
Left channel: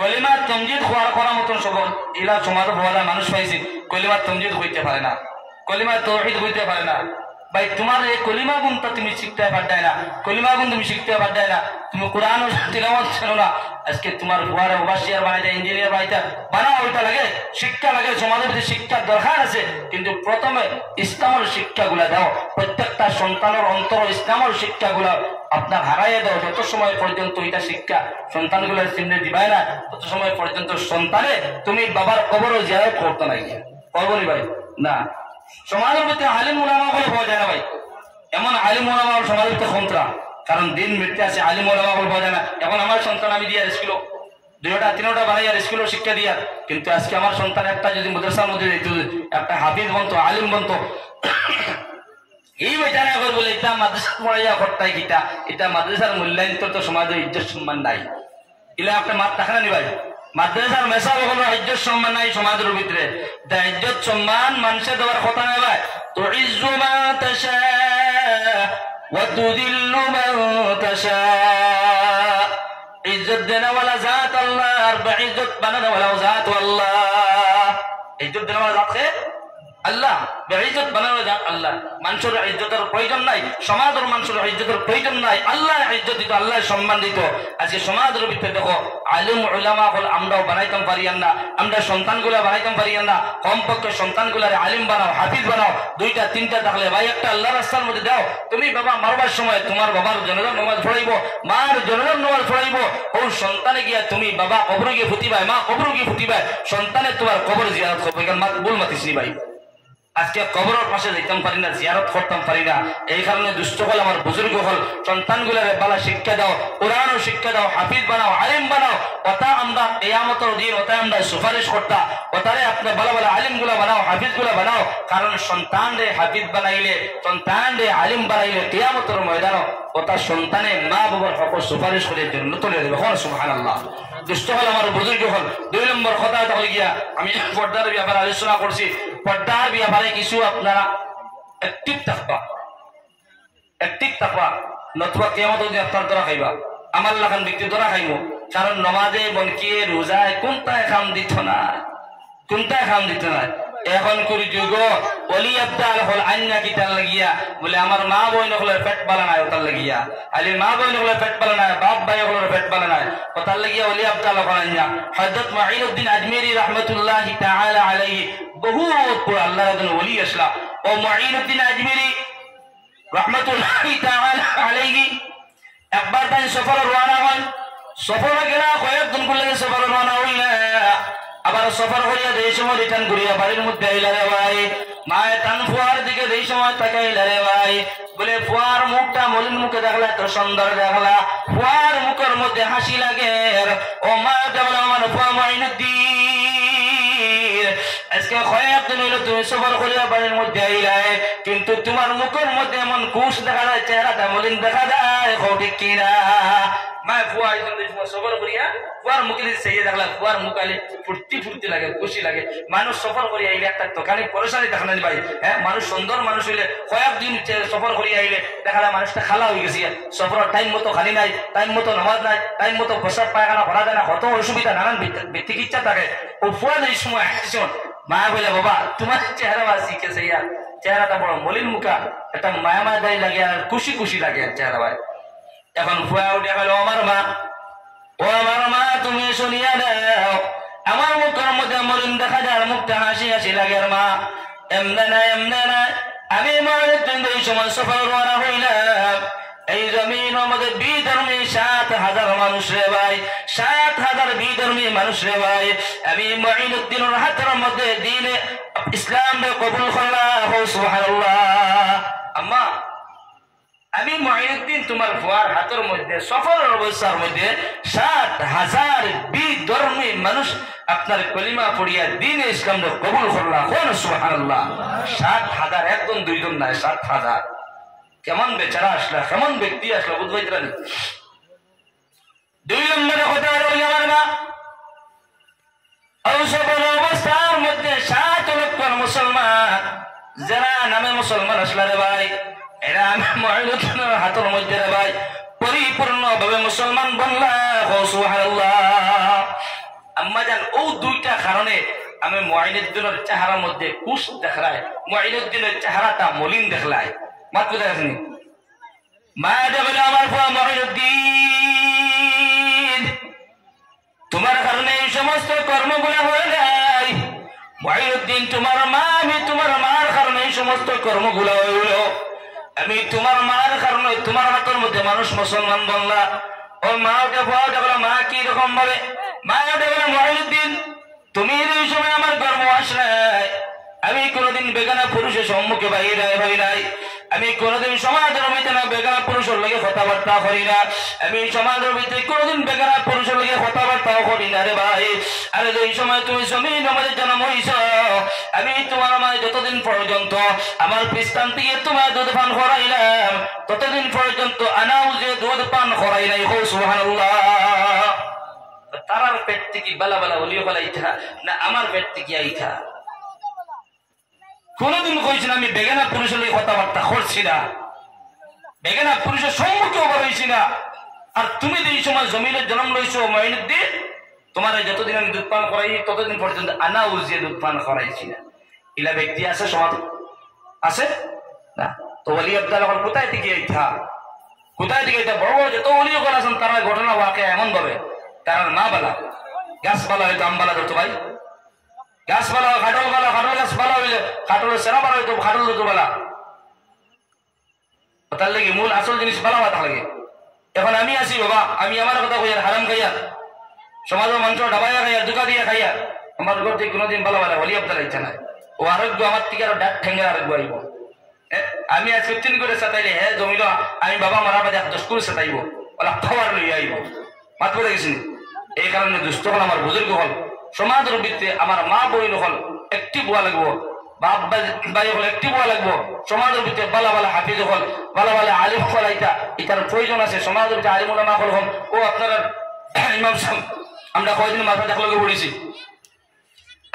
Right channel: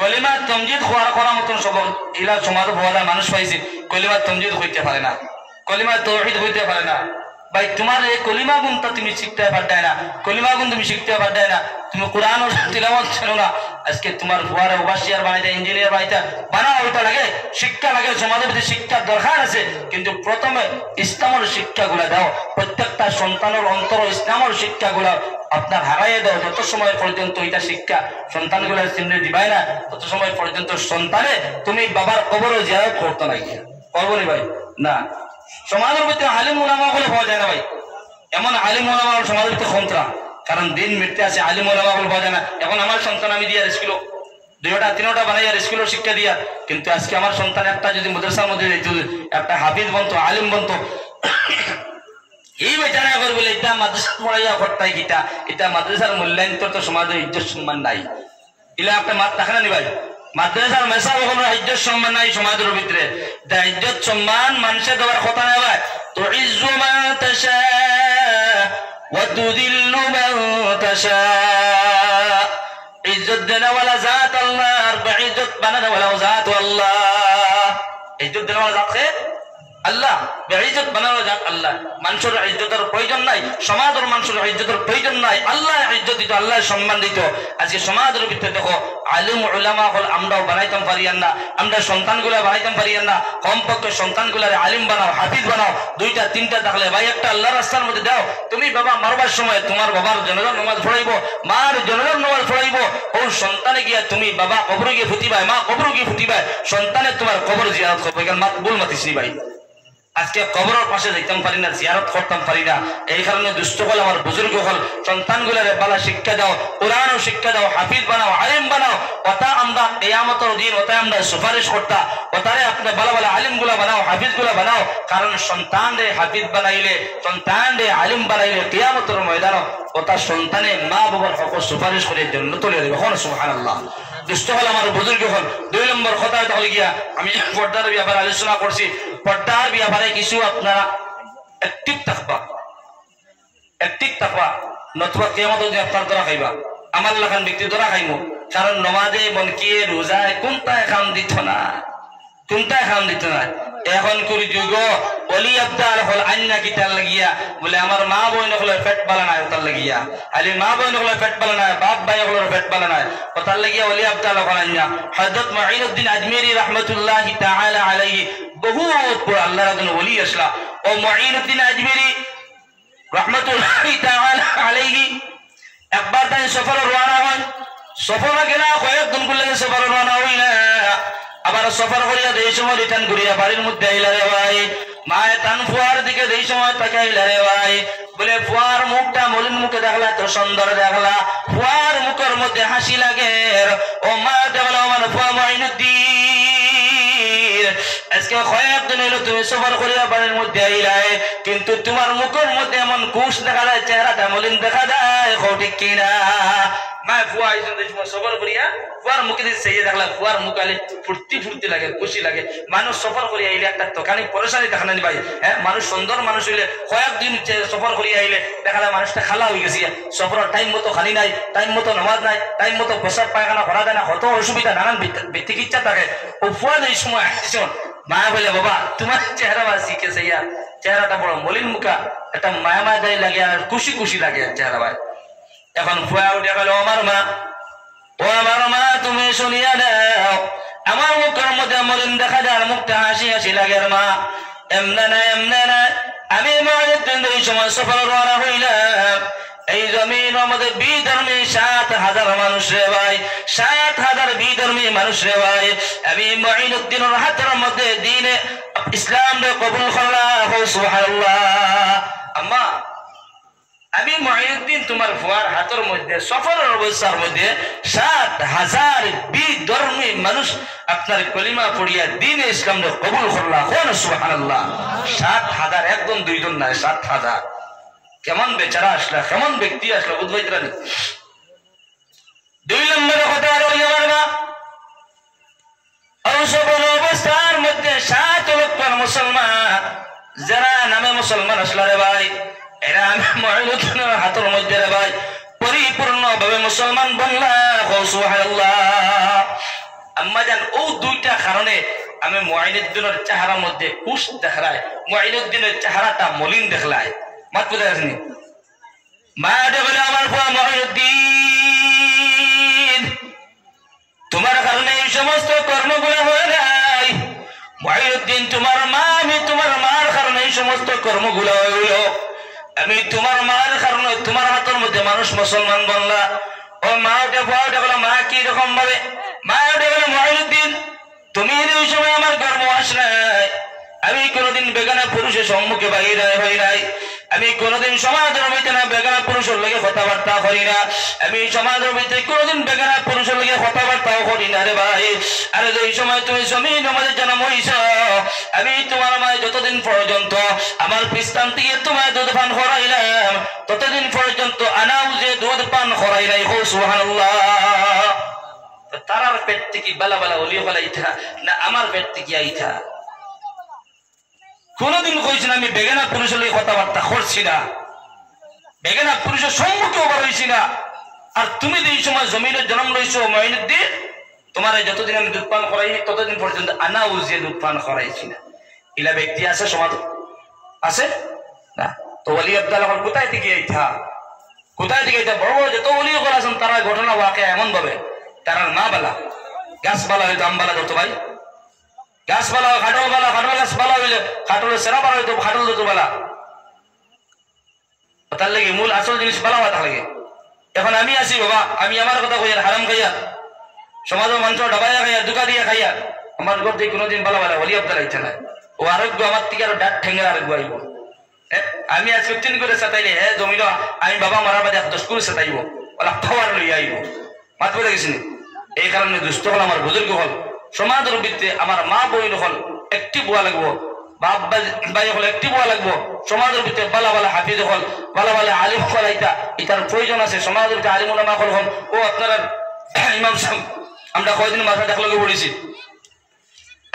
কলিমা তমজিদ হওয়ার করার মতন সব এরা সমাজ হওয়া যায় মানুষ পাইছে, কলিমা তমজিদ হইতে পারে না, কলিমা তাওহীদ হইতে পারে না। ভাই তোমার এই কলিমা গুণটা তুমি শিখতে পারতাই না, কলিমা গুণ তুমি শিখতে পারতাই না, তুমি কোরআন তিলাওয়াত ছিল না, আজকে তোমার ফুয়ারা ওভারসিয়ার বানাইতে, ইঞ্জিনিয়ার বানাইতে বানা ওইটা লাগে, শিক্ষা লাগে, সমাজের ভিতরে শিক্ষার দরকার আছে, কিন্তু প্রথমে ইসলামের শিক্ষাগুলা দাও, প্রত্যেকটা সন্তানের অন্তর ইসলামের শিক্ষাগুলা আপনার হারাইয়ে দাও। যত সময় পর্যন্ত এটা শিক্ষা সন্তানগুলোর চিহ্ন দিবাই না, তত সময় পর্যন্ত সন্তানে তুমি বাবার কবরও জিয়ারত করতে না গিয়া করবো নি ভাই না। সমাজের ভিতরে আলিম ওলামা গুলো পাওয়া যায় না ভাই, এমন আলিম ওলামা সমাজের ভিতরে খন্তরা, কারণ দিন মৃত্যু আছে, আলিম ওলামা গুলো পাওয়া যায় না। এখন আমার সন্তান আমি দিয়ে স্কুল 2টা 3টা বানাইয়ার স্কুলের শিক্ষা দিয়া, কিন্তু আজকে আমার সন্তান একটা যদি মাদ্রাসার মধ্যে একটা হাফিজ বনতো, আলিম বনতো, এই বেচারা করে বলে এটা মাদ্রাসা পড়াইয়া করতাই গীতা, এটা মাদ্রাসার মূল্যায়ন তো সমাজের ইজ্জত সম্মান নাই, ইলা আপনার মাত দেখা না নি ভাই। মাদ্রাসার মেসা বকল ইজ্জত সম্মান নাই সমাজের ভিতরে, ইজ্জত সম্মান মানুষের দেওয়ার কথা নাই ভাই। তো ইজ্জু মা তাশা ওয়া তুযিল্লু মান তাশা, ইজ্জত দেওয়ালা জাত আল্লাহ, আর ইজ্জত বানানোওয়ালা জাত আল্লাহ। ইজ্জত দেওয়ালা জাত কে আল্লাহ, বেইজ্জত বানানো যাক আল্লাহ। মানুষের ইজ্জতের প্রয়োজন নাই, সমাজের মানুষের ইজ্জতের প্রয়োজন নাই, আল্লাহ ইজ্জত দিত, আল্লাহ সম্মান দিত। আজকে সমাজের ভিতরে দেখো আলিম উলামা হল আমরাও বানাইতাম পারিয়ান না, আমরা সন্তানগুলা বানাইতাম পারিয়ান না। কমপক্ষে সন্তানগুলারে আলিম বানাও, হাফিজ বানাও, 2টা 3টা থাকলে ভাই একটা আল্লাহ রাস্তার মধ্যে দাও। তুমি বাবা মারবার সময় তোমার বাবার জনগণ নামাজ পড়াইবো, মার জনগণ নামাজ পড়াইবো, ও সন্তানে গিয়া তুমি বাবা কবরে গিয়ে ফুটিবাই, মা কবরে গিয়ে ফুটিবাই, সন্তানে তোমার কবর জিয়ারত করবে। ভুল মাতিসনি ভাই, আজকে কবরের পাশে যাইতাম পারি না, জিয়ারত করতাম পারি না। এই কারণে দুষ্ট হল আমার বুজুর্গ হল সন্তানগুলারে বালা শিক্ষা দাও, কোরআনও শিক্ষা দাও, হাফিজ বানাও, আলিম বানাও। ওটা আমরা কিয়ামতের দিন ওটা আমরা সুপারিশ করতা, ওটারে আপনি ভালো ভালো আলিম গুলা বানাও, হাফিজ গুলা বানাও। কারণ সন্তান রে হাফিজ বানাইলে, সন্তান রে আলিম বানাইলে কিয়ামতের ময়দান ওটা সন্তানের মা বাবার হক সুপারিশ করে জন্য তুলে দেবে। সুবহানাল্লাহ। দুষ্ট হল আমার বুজুর্গ হল। 2 নম্বর কথা হয়ে গিয়া আমি পর্দার ব্যাপারে আলোচনা করছি। পর্দার ব্যাপারে কিছু আপনারা অ্যাক্টিভ থাকবা, নতুবা কিয়ামত যদি আপনার ধরা খাইবা, আমার লাগান ব্যক্তি ধরা খাইব। কারণ নমাজে বনকিয়ে রোজায় কোনটায় খাম দিত না, কোনটায় খাম দিত না। এখন করি যুগ অলি আব্দাল হল আন্না কিতার লাগিয়া বলে আমার মা বোন হলে পেট বালা নাই ওটার লাগিয়া, আলি মা বোন হলে পেট বালা নাই, বাপ ভাই হলে পেট বালা নাই, ওটার লাগিয়া অলি আব্দাল হল আন্না। হযরত মুঈনুদ্দিন আজমেরি রাহমাতুল্লাহি তাআলা আলাইহি বহুত বড় আল্লাহর একজন ওলি আসলা। ও মুঈনুদ্দিন আজমেরি রাহমাতুল্লাহি তাআলা আলাইহি একবার তাই সফরে রওনা হন, সফরে গেলা কয়েকদিন গুলো সফরে রওনা হইলা, আবার সফর করিয়া যেই সময় রিটার্ন করিয়া বাড়ির মধ্যে আইলা রে ভাই, মায়ে তান ফুয়ার দিকে যেই সময় তাকাইলা রে ভাই, বলে ফুয়ার মুখটা মলিন মুখে দেখলা, তো সুন্দর দেখলা, ফুয়ার মুখের মধ্যে হাসি লাগে। ও মা বলে আমার ফুয়া মুঈনুদ্দিন, আজকে কয়েকদিন হইলো তুমি সফর করিয়া বাড়ির মধ্যে আইলাই, কিন্তু তোমার মুখের মধ্যে এমন কুশ দেখা যায়, চেহারাটা মলিন দেখা যায়, ঠিক কিনা? মা ফুয়া সফর করিয়া ফুয়ার মুখে সেই দেখলা, ফুয়ার মুখ আলে ফুর্তি লাগে, খুশি লাগে। মানুষ সফর করিয়া আইলে একটা দোকানে পরেশানি দেখা না ভাই। হ্যাঁ, মানুষ সুন্দর মানুষ হইলে কয়েকদিন সফর করিয়া আইলে দেখা যায় মানুষটা খালা হয়ে গেছে। সফরের টাইম মতো খালি নাই, টাইম মতো নামাজ নাই, টাইম মতো প্রসাব পায়খানা করা যায় না, কত অসুবিধা, নানান চিকিৎসা থাকে। ও ফুয়া এই সময় আসছেন, মা বলে বাবা তোমার চেহারা বা শিখেছে, ইয়া চেহারাটা বড় মলিন মুখা, একটা মায়া দায়ী লাগে আর খুশি লাগে চেহারা ভাই। এখন ফুয়া উঠে গেল, আমার মা, ও আমার মা তুমি শুনিয়া দাও, আমার মুখের মধ্যে মলিন দেখা যায়, মুখটা হাসি লাগে। আর মা এমনে না আমি মা এই সময় সফর রওনা হইলাম, এই জমিনের মধ্যে বিধর্মী 7,000 মানুষ রে ভাই, 7,000 বিধর্মী মানুষ রে ভাই। আমি মুঈনুদ্দিনের হাতের মধ্যে দ্বীনে ইসলাম কবুল করলাম, সুবহানাল্লাহ। আম্মা, আমি মুঈনুদ্দিন তোমার ফুয়ার হাতের মধ্যে সফরের অবস্থার মধ্যে 7,000 বিধর্মী মানুষ আপনার কলিমা পড়িয়া দ্বীনে ইসলাম কবুল করলাম, সুবহানাল্লাহ। 7,000, একজন দুইজন না, 7,000। কেমন বেচারা আসলা, কেমন ব্যক্তি আসলো বুঝবাইতরা। 2 নম্বরে কথা রইল আমার মা, অসফল অবস্থার মধ্যে 7 লক্ষ মুসলমান যারা নামে মুসলমান আসলা রে ভাই, এরা আমি মুঈনুদ্দিনের হাতের মধ্যে রে ভাই পরিপূর্ণভাবে মুসলমান বনলা, সুবহানাল্লাহ। আম্মা জান, ও 2টা কারণে আমি মুঈনুদ্দিনের চেহারার মধ্যে কুশ দেখলাই, মুঈনুদ্দিনের চেহারাটা মলিন দেখলাই। মাত বুঝাইনি মা দেখলে আমার ফুয়া মুঈনুদ্দিন, তোমার কারণে এই সমস্ত কর্মগুলো হয়ে যায়। মুঈনুদ্দিন তোমার মা, আমি তোমার মার কারণে এই সমস্ত কর্মগুলো হইল। আমি তোমার মার কারণে তোমার হাতের মধ্যে মানুষ মুসলমান বনলা। ও মা ওটা ফুয়া ওটা বলো, মা কি রকম ভাবে? মা ওটা বলো, মুঈনুদ্দিন তুমি এই সময় আমার গর্ব আস নাই। আমি কোনোদিন বেগানা পুরুষের সম্মুখে বাইরে হই নাই। আমি কোনোদিন সমাজের ভিতরে না বেগানা পুরুষের লগে কথাবার্তা করি না। আমি সমাজের ভিতরে কোনোদিন বেগানা পুরুষের লগে কথাবার্তাও করি না রে ভাই। আর এই সময় তুমি জমিন আমাদের জন্ম হইছ, আমি তোমার মায় যতদিন পর্যন্ত আমার পিস্তান থেকে তোমার দুধ পান করাইলাম, ততদিন পর্যন্ত আনাও যে দুধ পান করাই নাই, সুবহানাল্লাহ। তারার পেট থেকে বালা বালা ওলিয়ে ফলাইতা না আমার পেট থেকে আইতা? কোনদিন কইছেন আমি বেগানা পুরুষের লগে কথাবার্তা করছি না, বেগানা পুরুষের সম্মুখেও বেরোইছি না। আর তুমি যে এই সময় জমিনের জন্ম লইছো মুঈনুদ্দিন, তোমার যতদিন আমি দুধ পান করাই ততদিন পর্যন্ত আনা উজিয়ে দুধ পান করাইছি না। ইলা ব্যক্তি আছে সমাজ আছে না? তো ওলি আব্দাল হল কোথায় থেকে আইতা? কোথায় থেকে আইতা? বড় বড় যত ওলি হল আছেন তারা ঘটনা ওয়াকে এমন ভাবে তার মা বালা গাছ বালা হয়তো আম বালা ধরতো ভাই, গাছ বালা খাটল বালা, খাটল গাছ বালা হইলে খাটলের সেরা বালা হইতো, খাটল ধরতো বালা। তার লাগে মূল আসল জিনিস বালা হওয়া লাগে। এখন আমি আছি বাবা, আমি আমার কথা কইয়া হারাম খাইয়া সমাজের মানুষ ডাবাইয়া খাইয়া দুকা দিয়া খাইয়া আমার ঘর থেকে কোনোদিন বালা বালা ওলি আব্দাল আইতা না। ও আরোগ্য আমার থেকে আরো ডাক ঠেঙ্গে আরোগ্য আইব। আমি আজ 15 করে সাতাইলে হ্যাঁ জমিল আমি বাবা মারা বাদে 10 করে সাতাইব, ওলা খাওয়ার লইয়া আইব। মাত করে গেছিনি। এই কারণে দুষ্ট হল আমার বুজুর্গ হল, সমাজের ভিত্তিতে আমার মা বইল হল একটি বুয়া লাগবো, বাপ ভাই হল একটি বুয়া লাগবো। সমাজের ভিতরে বালা বালা হাফিজ হল, বালা বালা আলিম হল, ইটার প্রয়োজন আছে। সমাজের ভিতরে আলিম উলামা হল হল ও আপনারা ইমাম সাহেব আমরা কয়দিন মাথা ডাকলগে পড়েছি,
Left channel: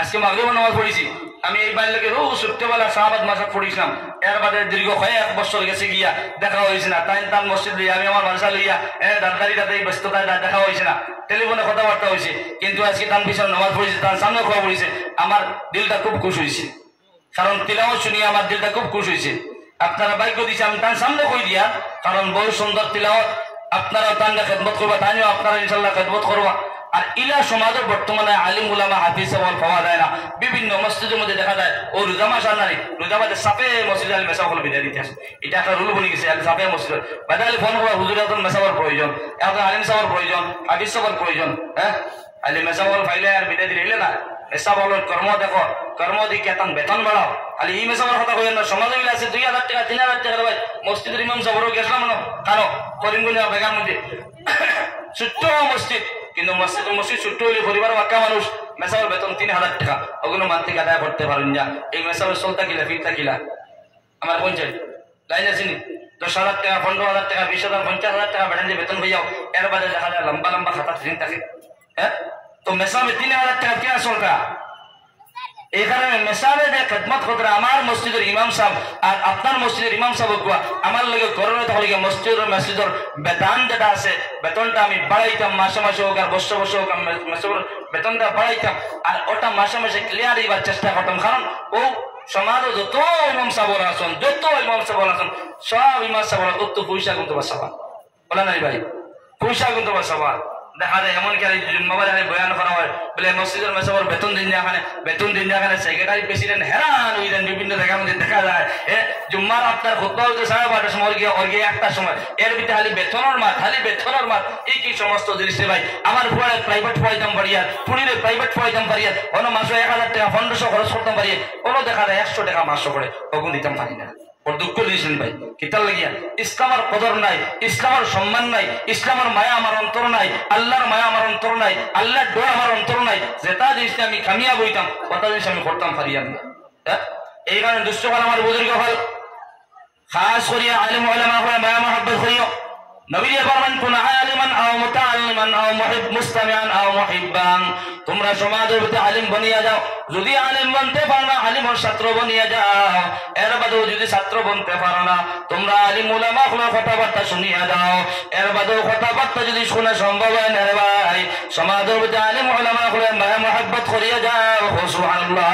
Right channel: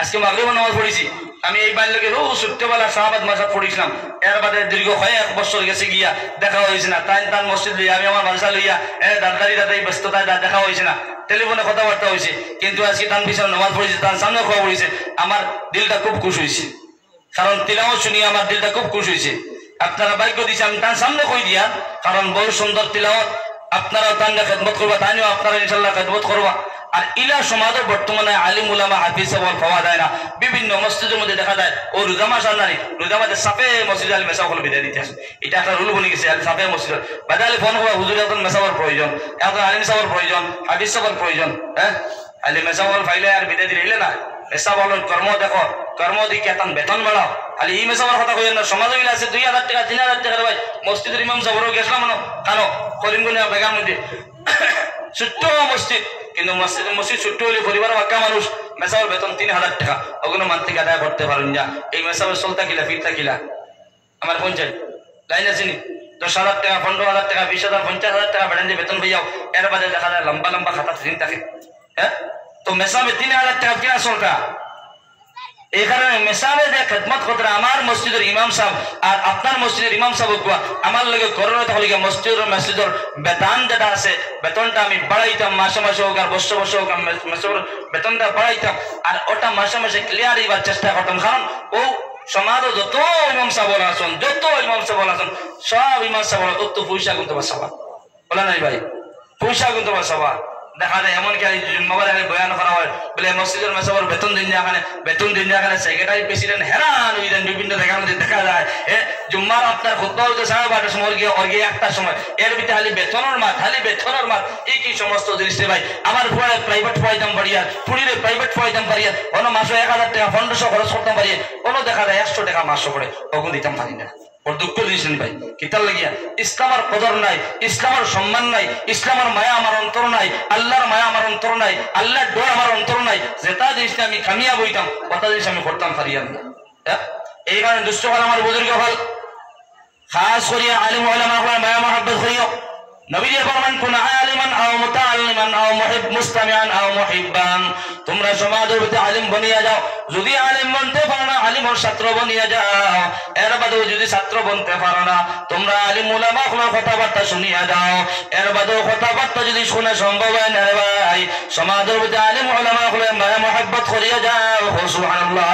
আজকে মাগরিব নামাজ পড়েছি। আমি এই বাড়ি লোকের ছোট্টবেলা শাহবাদ মাসাদ পড়েছিলাম, এর বাদে দীর্ঘ 1 বছর গেছে গিয়া দেখা হয়েছে না। তান মসজিদ লইয়া আমি আমার মাদ্রাসা লইয়া দাদারি ব্যস্ততায় দেখা হয়েছে না, টেলিফোনে কথাবার্তা হয়েছে। কিন্তু আজকে তার পিছনে নামাজ পড়েছে, তার সামনে খোয়া পড়েছে, আমার দিলটা খুব খুশ হয়েছে। কারণ তিলাওয়াত শুনিয়ে আমার দিলটা খুব খুশ হয়েছে। আপনারা ভাগ্য দিয়েছে আমি তার সামনে কই দিয়া, কারণ বহু সুন্দর তিলাওয়াত। আপনারা তার খেদমত করবা, তাইও আপনারা ইনশাল্লাহ খেদমত করবা। আর ইলা সমাজে বর্তমানে আলিম উলামা হাফিজ সবল পাওয়া যায় না। বিভিন্ন মসজিদের মধ্যে দেখা যায় ও রোজা মাস আর নাই, রোজা মাসে সাপে মসজিদ আল মেসাফল বিদায় দিতে আসে। এটা একটা রুল বলে গেছে, সাপে মসজিদ বাদালে ফোন করবা, হুজুর এখন মেসাফর প্রয়োজন, এখন আলিম সাহর প্রয়োজন, হাফিজ সবর প্রয়োজন। হ্যাঁ, আলিম মেসাফল ফাইলে আর বিদায় দিলে না। মেসাফলের কর্ম দেখো, কর্ম দিকে তার বেতন বাড়াও। খালি এই মেসাফর কথা কই না, সমাজে মিলে আছে 2000 টাকা 3000 টাকা ভাই মসজিদের ইমাম সাহরও গেছিলাম না কারো করিমগঞ্জ বেগার মধ্যে ছোট্ট মসজিদ, কিন্তু মসজিদ ছোট্ট হইলে পরিবার বাক্কা মানুষ, মেসাবের বেতন 3000 টাকা, ওগুলো মানতে আদায় করতে পারেন না। এই মেসাবের চলতা কিলা ফিরতা কিলা আমার পঞ্চায়েত লাইন আছে নি 10,000 টাকা 15,000 টাকা 20,000 50,000 টাকা বেড়ান যে বেতন পাইয়াও, এর বাদে দেখা যায় লম্বা লম্বা খাতা ঋণ থাকে। হ্যাঁ, তো মেসাবে 3000 টাকা কিনা চলতা। এই কারণে মেসাবে যে খেদমত করতে আমার মসজিদের ইমাম সাহেব আর আপনার মসজিদের ইমাম সাহেব আমার লগে করোনা তাহলে মসজিদের বেতন যেটা আছে বেতনটা আমি বাড়াইতাম, মাসে মাসে হোক আর বছর বছর হোক বেতনটা বাড়াইতাম। আর ওটা মাসে মাসে ক্লিয়ার দিবার চেষ্টা করতাম। কারণ ও সমাজে যত ইমাম সাহেব আছেন, যত ইমাম সাহেব আছেন, সব ইমাম সাহেব তত পয়সা গুনতে পারছাবা বলে নাই ভাই, পয়সা গুনতে পারছাবা। দেখা যায় এমন কি জন্মবার আগে বয়ান করা হয় বলে মসজিদের মেসবর বেতন দিন যাখানে সেক্রেটারি প্রেসিডেন্ট হেরান হইলেন বিভিন্ন জায়গার মধ্যে দেখা যায় জুম্মার আপনার খুতবা হইতে 12:30 সময় গিয়ে 1টার সময় এর ভিতরে খালি বেতনের মাঠ এই কি সমস্ত জিনিস ভাই আমার ফুয়ারে প্রাইভেট পড়াইতাম বাড়িয়ার পুরীরে প্রাইভেট পড়াইতাম বাড়িয়ার অন্য মাসে 1000 টাকা 1500 খরচ করতাম বাড়িয়ার অন্য দেখা যায় 100 টাকা মাসে করে ওগুন দিতাম পারি না ওর দুঃখ দিয়েছেন ভাই কিতাল লাগিয়া ইসলামের কদর নাই ইসলামের সম্মান নাই ইসলামের মায়া আমার অন্তর নাই আল্লাহর মায়া আমার অন্তর নাই আল্লাহর ডর আমার অন্তর নাই যেটা জিনিস আমি কামিয়া বইতাম কথা জিনিস আমি করতাম পারিয়াম না এই কারণে দুষ্ট হল আমার বুজুর্গ হল খাস করিয়া আলিম উলামা হল মায়া মহব্বত করিও নবীজি ফরমান কুন আলিমান আও মুতাআল্লিমান আও মুস্তামিআন আও মুহিব্বান তোমরা সমাজের ভিতরে আলিম বনিয়া যাও যদি আলিম বনতে পারো না আলিমের ছাত্র বনিয়া যাও এর বাদেও যদি ছাত্র বনতে পারো না তোমরা আলিম উলামা গুলোর কথাবার্তা শুনিয়া যাও এর বাদেও কথাবার্তা যদি শোনা সম্ভব হয় না রে ভাই সমাজের ভিতরে আলিম উলামা গুলোর মায়া মহব্বত করিয়া যাও সুবহানাল্লাহ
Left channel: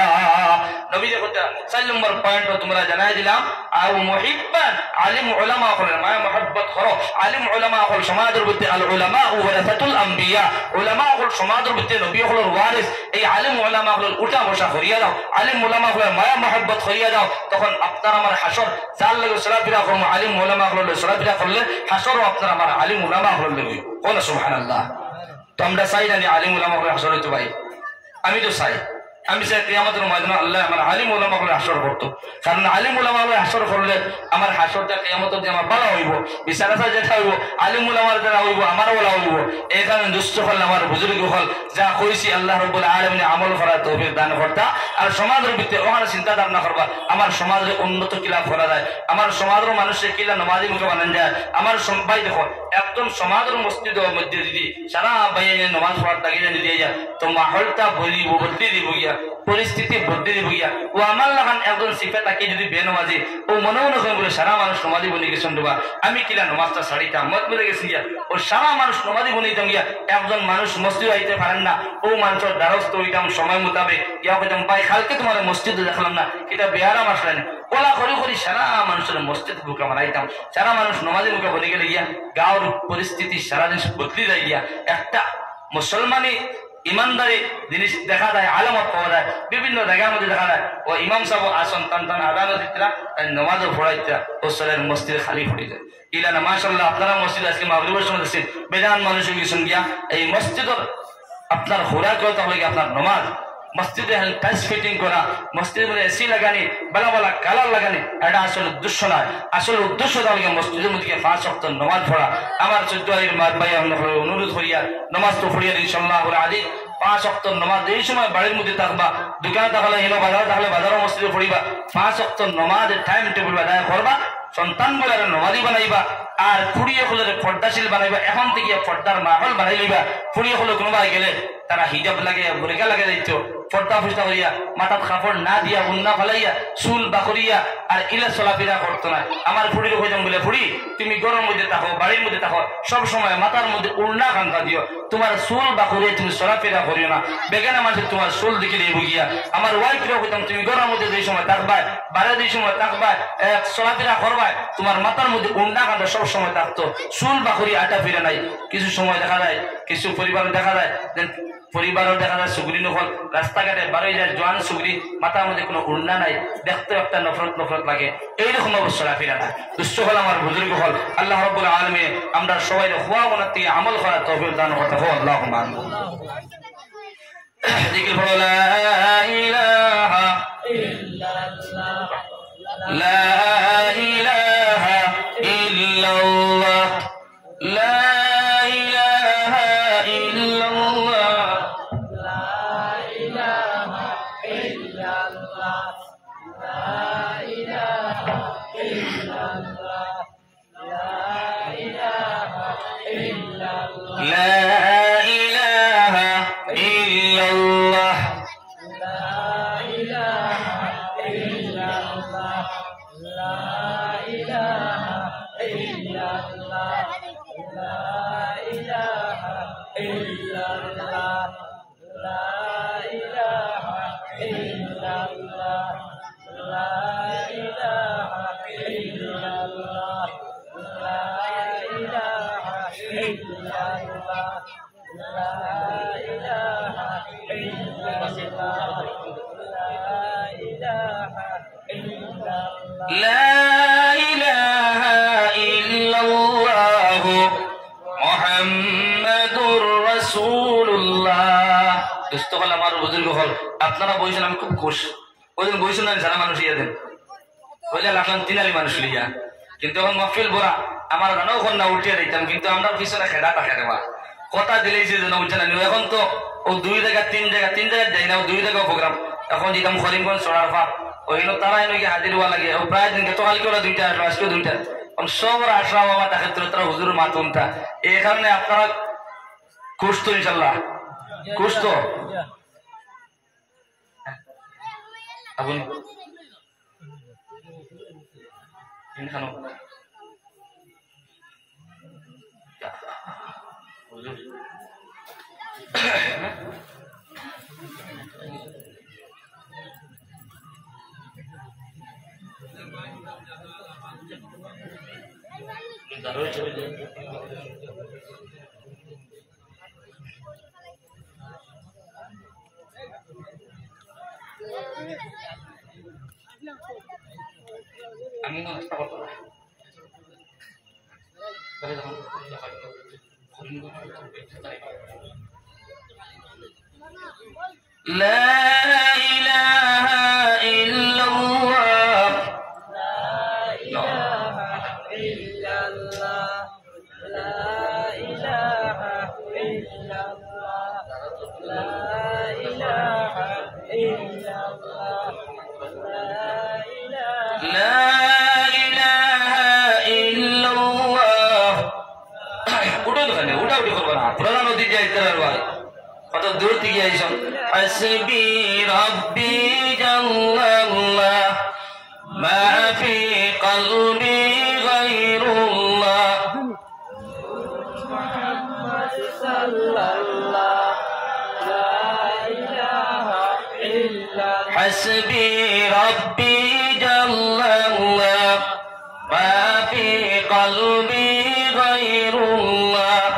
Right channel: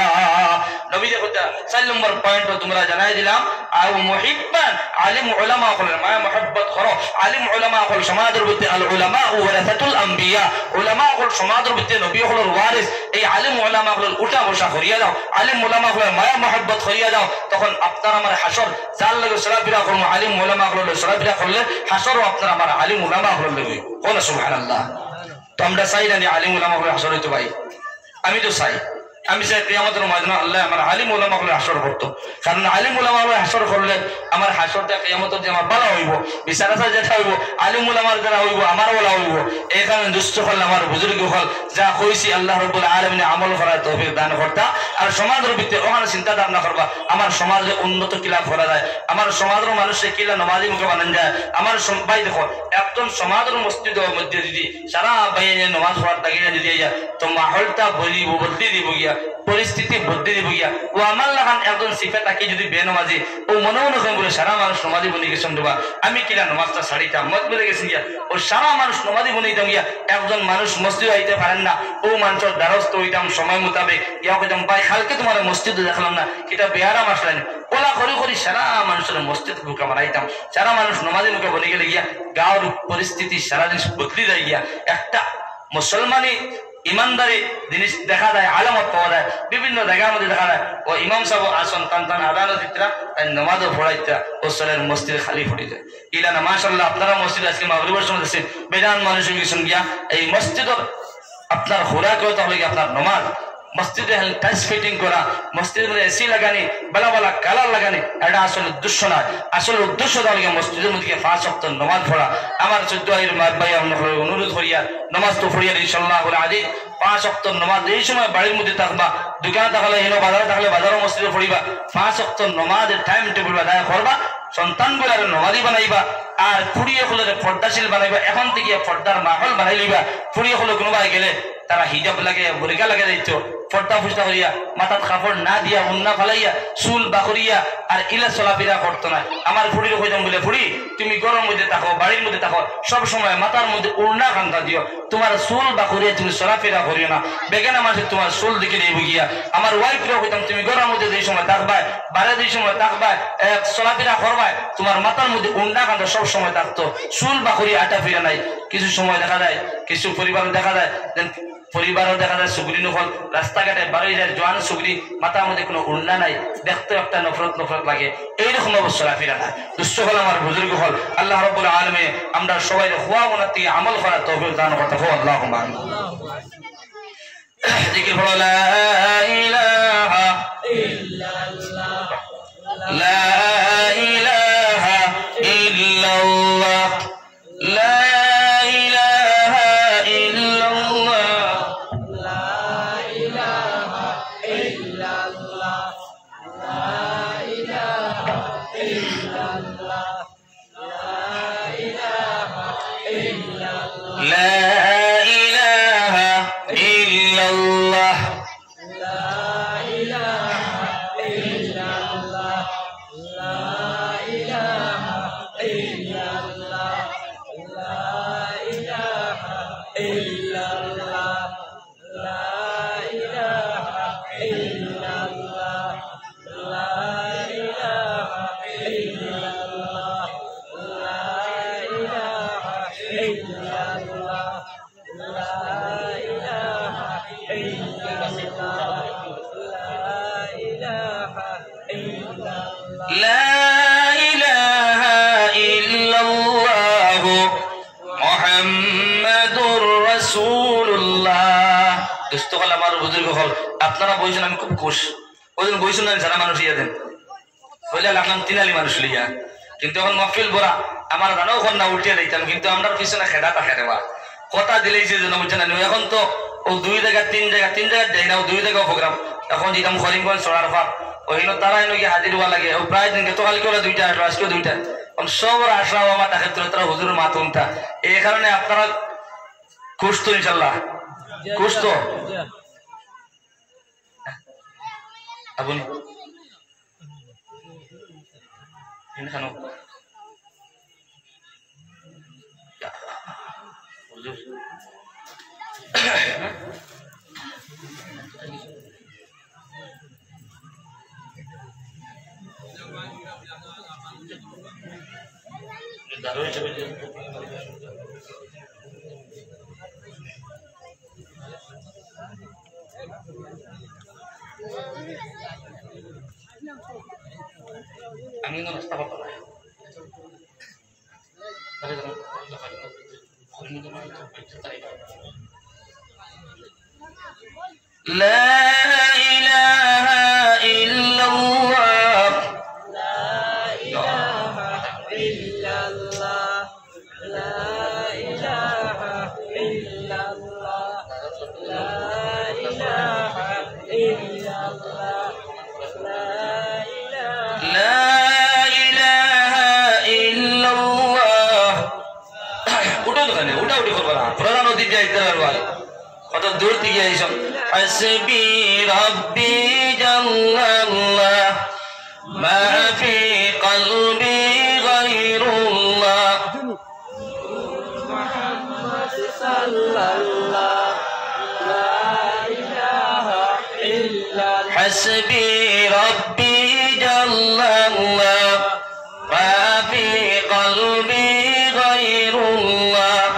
নবীজি কথা 4 নম্বর পয়েন্ট তোমরা জানাই দিলাম আও মুহিব্বান আলিম উলামা গুলোর মায়া মহব্বত করো আলিম উলামা হল সমাজের ভিতরে আল উলামা ওয়ারাসাতুল আম্বিয়া উলামা হল সমাজের ভিতরে নবী হলর ওয়ারিস এই আলিম উলামা হল উঠা বসা করিয়া দাও আলিম উলামা হল মায়া মহব্বত করিয়া দাও তখন আপনার আমার হাসর জাল লাগে সলাফিরা করব আলিম উলামা হল সলাফিরা করলে হাসরও আপনার আমার আলিম উলামা হল লাগবে কোন সুবহানাল্লাহ তো আমরা চাই না আলিম উলামা হল হাসর হইতে পারি আমি তো চাই আমি চাই কিয়ামতের ময়দানে আল্লাহ আমার আলিম উলামা হলে হাসর করতো কারণ আলিম উলামা হলে হাসর করলে আমার হাসরটা কিয়ামতের যে আমার ভালো হইব বিচার আচার যেটা হইব আলিম উলামার যারা হইব আমার ওলা হইব এই কারণে দুষ্ট হল আমার বুজুর্গ হল যা কইছি আল্লাহ রাব্বুল আলামিন আমল করার তৌফিক দান করতা আর সমাজের ভিতরে ওখানে চিন্তা ধারণা করবা আমার সমাজের উন্নত কিলা করা যায় আমার সমাজের মানুষের কিলা নমাজি মুখে বানান যায় আমার ভাই দেখো একদম সমাজের মসজিদের মধ্যে যদি সারা বাইরে নমাজ পড়ার তাগিয়ে দিয়ে যায় তো মাহলটা বলতে দিব গিয়া পরিস্থিতি বদলে দিব গিয়া ও আমার লাগান একজন সিফা তাকে যদি বেনমাজি ও মনে বলে সারা মানুষ নমাজি বলে গেছেন দেবা আমি কিলা নমাজটা ছাড়িতাম মত বলে গেছেন গিয়া ও সারা মানুষ নমাজি বলে দিতাম গিয়া একজন মানুষ মসজিদ আইতে পারেন না ও মানুষের দ্বারস্থ হইতাম সময় মোতাবেক ইয়া কইতাম ভাই কালকে তোমার মসজিদে দেখলাম না এটা বেয়ারা মাসলাই না ওলা করি সারা মানুষের মসজিদ বুকা মারাইতাম সারা মানুষ নমাজি মুখে বলে গেলে গিয়া গাঁর পরিস্থিতি সারা জিনিস বদলি যায় গিয়া একটা মুসলমানি ইমানদারি জিনিস দেখা যায় আলামত পাওয়া যায় বিভিন্ন জায়গার মধ্যে দেখা যায় ও ইমাম সাহেব আসন টান আদানো দিতরা তাই নমাজও পড়াইতরা ও সলের মসজিদ খালি পড়ে যায় ইলা না মাশাআল্লাহ আপনারা মসজিদ আজকে মাগরিবের সময় দেখছেন বেজান মানুষ গেছেন গিয়া এই মসজিদের আপনার হোরা করে তাহলে আপনার নমাজ মসজিদে টাইলস ফিটিং করা মসজিদের মধ্যে এসি লাগানি বালা কালার লাগানি এটা আসলে উদ্দেশ্য নয় আসলে উদ্দেশ্য তাহলে মসজিদের মধ্যে 5 ওয়াক্ত নামাজ পড়া আমার 14 মার ভাই অনুরোধ করিয়া নামাজ তো পড়িয়া ইনশাআল্লাহ আজি 5 ওয়াক্ত নামাজ এই সময় বাড়ির মধ্যে থাকবা দোকানে থাকলে হেনো বাজার থাকলে বাজারও মসজিদে পড়িবা 5 ওয়াক্ত নামাজের টাইম টেবিল আদায় করবা সন্তান গুলারে নমাজি বানাইবা আর ফুড়িয়ে হলে পর্দাশীল বানাইবা এখন থেকে পর্দার মাহল বানাই লইবা ফুড়িয়ে হলে কোনোবাই গেলে তারা হিজাব লাগে বুরকা লাগে দিত পর্দা ফুসটা করিয়া মাথাত কাপড় না দিয়া উন্না ফালাইয়া চুল বাকরিয়া আর ইলা চলাফেরা করতো না আমার ফুড়ির কইতাম বলে ফুড়ি তুমি গরম মধ্যে থাকো বাড়ির মধ্যে থাকো সব সময় মাথার মধ্যে উড়না খান্তা দিও তোমার চুল বাকরিয়া তুমি চলাফেরা করিও না বেগানা মানুষ তোমার চুল দেখে দেব গিয়া আমার ওয়াইফরা কইতাম তুমি গরম মধ্যে যে সময় থাকবা বাড়ি যে সময় থাকবা চলাফেরা করবা তোমার মাথার মধ্যে উন্না খান্তা সব সময় থাকতো চুল বাকরি আটা ফিরে নাই কিছু সময় দেখা যায় কিছু পরিবার দেখা যায় পরিবারও দেখা যায় সুগুরি নফল রাস্তাঘাটে বাড়ি যায় জোয়ান সুগুরি মাথার মধ্যে কোনো উন্না নাই দেখতে একটা নফরত লাগে এইরকম অবস্থা ফিরা না দুষ্ট হল আমার বুজুর্গ হল আল্লাহ রাব্বুল আলামিন আমরা সবাই হুয়া উন্নতি আমল করা তৌফিক দান করতে হো আল্লাহুম্মা আমিন জিকির পড়ো লা ইলাহা ইল্লাল্লাহ লা ইলাহা ইল্লাল্লাহ লা লা ইলাহা ইল্লাল্লাহু মুহাম্মাদুর রাসূলুল্লাহ। দোস্ত হল আমার বুজুর্গ হল, আপনারা বলছেন আমি খুব খুশ। ওইদিন বলছেন না যারা মানুষ ইয়ে দেন বলে লাগলাম তিনালি মানুষ লইয়া, কিন্তু এখন মহফিল বরা আমার জানাও এখন না উঠিয়ে দিতাম, কিন্তু আমরা পিছনে খেডা থাকে রে বা কথা দিলেই যে যেন বুঝছে না। এখন তো ও তিন জায়গা যাই না, 2 জায়গা প্রোগ্রাম। এখন যেতাম করিমগঞ্জ চড়ার পা ওইগুলো তারা এনে হাজির হওয়া লাগে। ও প্রায় দিনকে তো কালকে ওরা 2টা আসলো, আজকেও 2টা। সব ওরা আসলো বাবা তাকে তারা হুজুর মাতুনটা। এই কারণে আপনারা খুশ তো ইনশাল্লাহ, খুশ তো আপনি আমি কিন্তু নাস্তা করতাম না। لا إله إلا الله لا إله إلا الله لا إله إلا الله لا إله إلا الله لا إله إلا الله উঠো তো কেন উঠা উঠি করবো না, প্রধান অতিথি আইতে ভাই কত দূর থেকে আইসন। হাসবি রব্বি জাল্লাল্লাহ মা ফি কলবি গায়রুল্লাহ মুহাম্মদ সাল্লাল্লাহ লা ইলাহা ইল্লাল্লাহ হাসবি রব্বি জাল্লাল্লাহ মা ফি কলবি গায়রুল্লাহ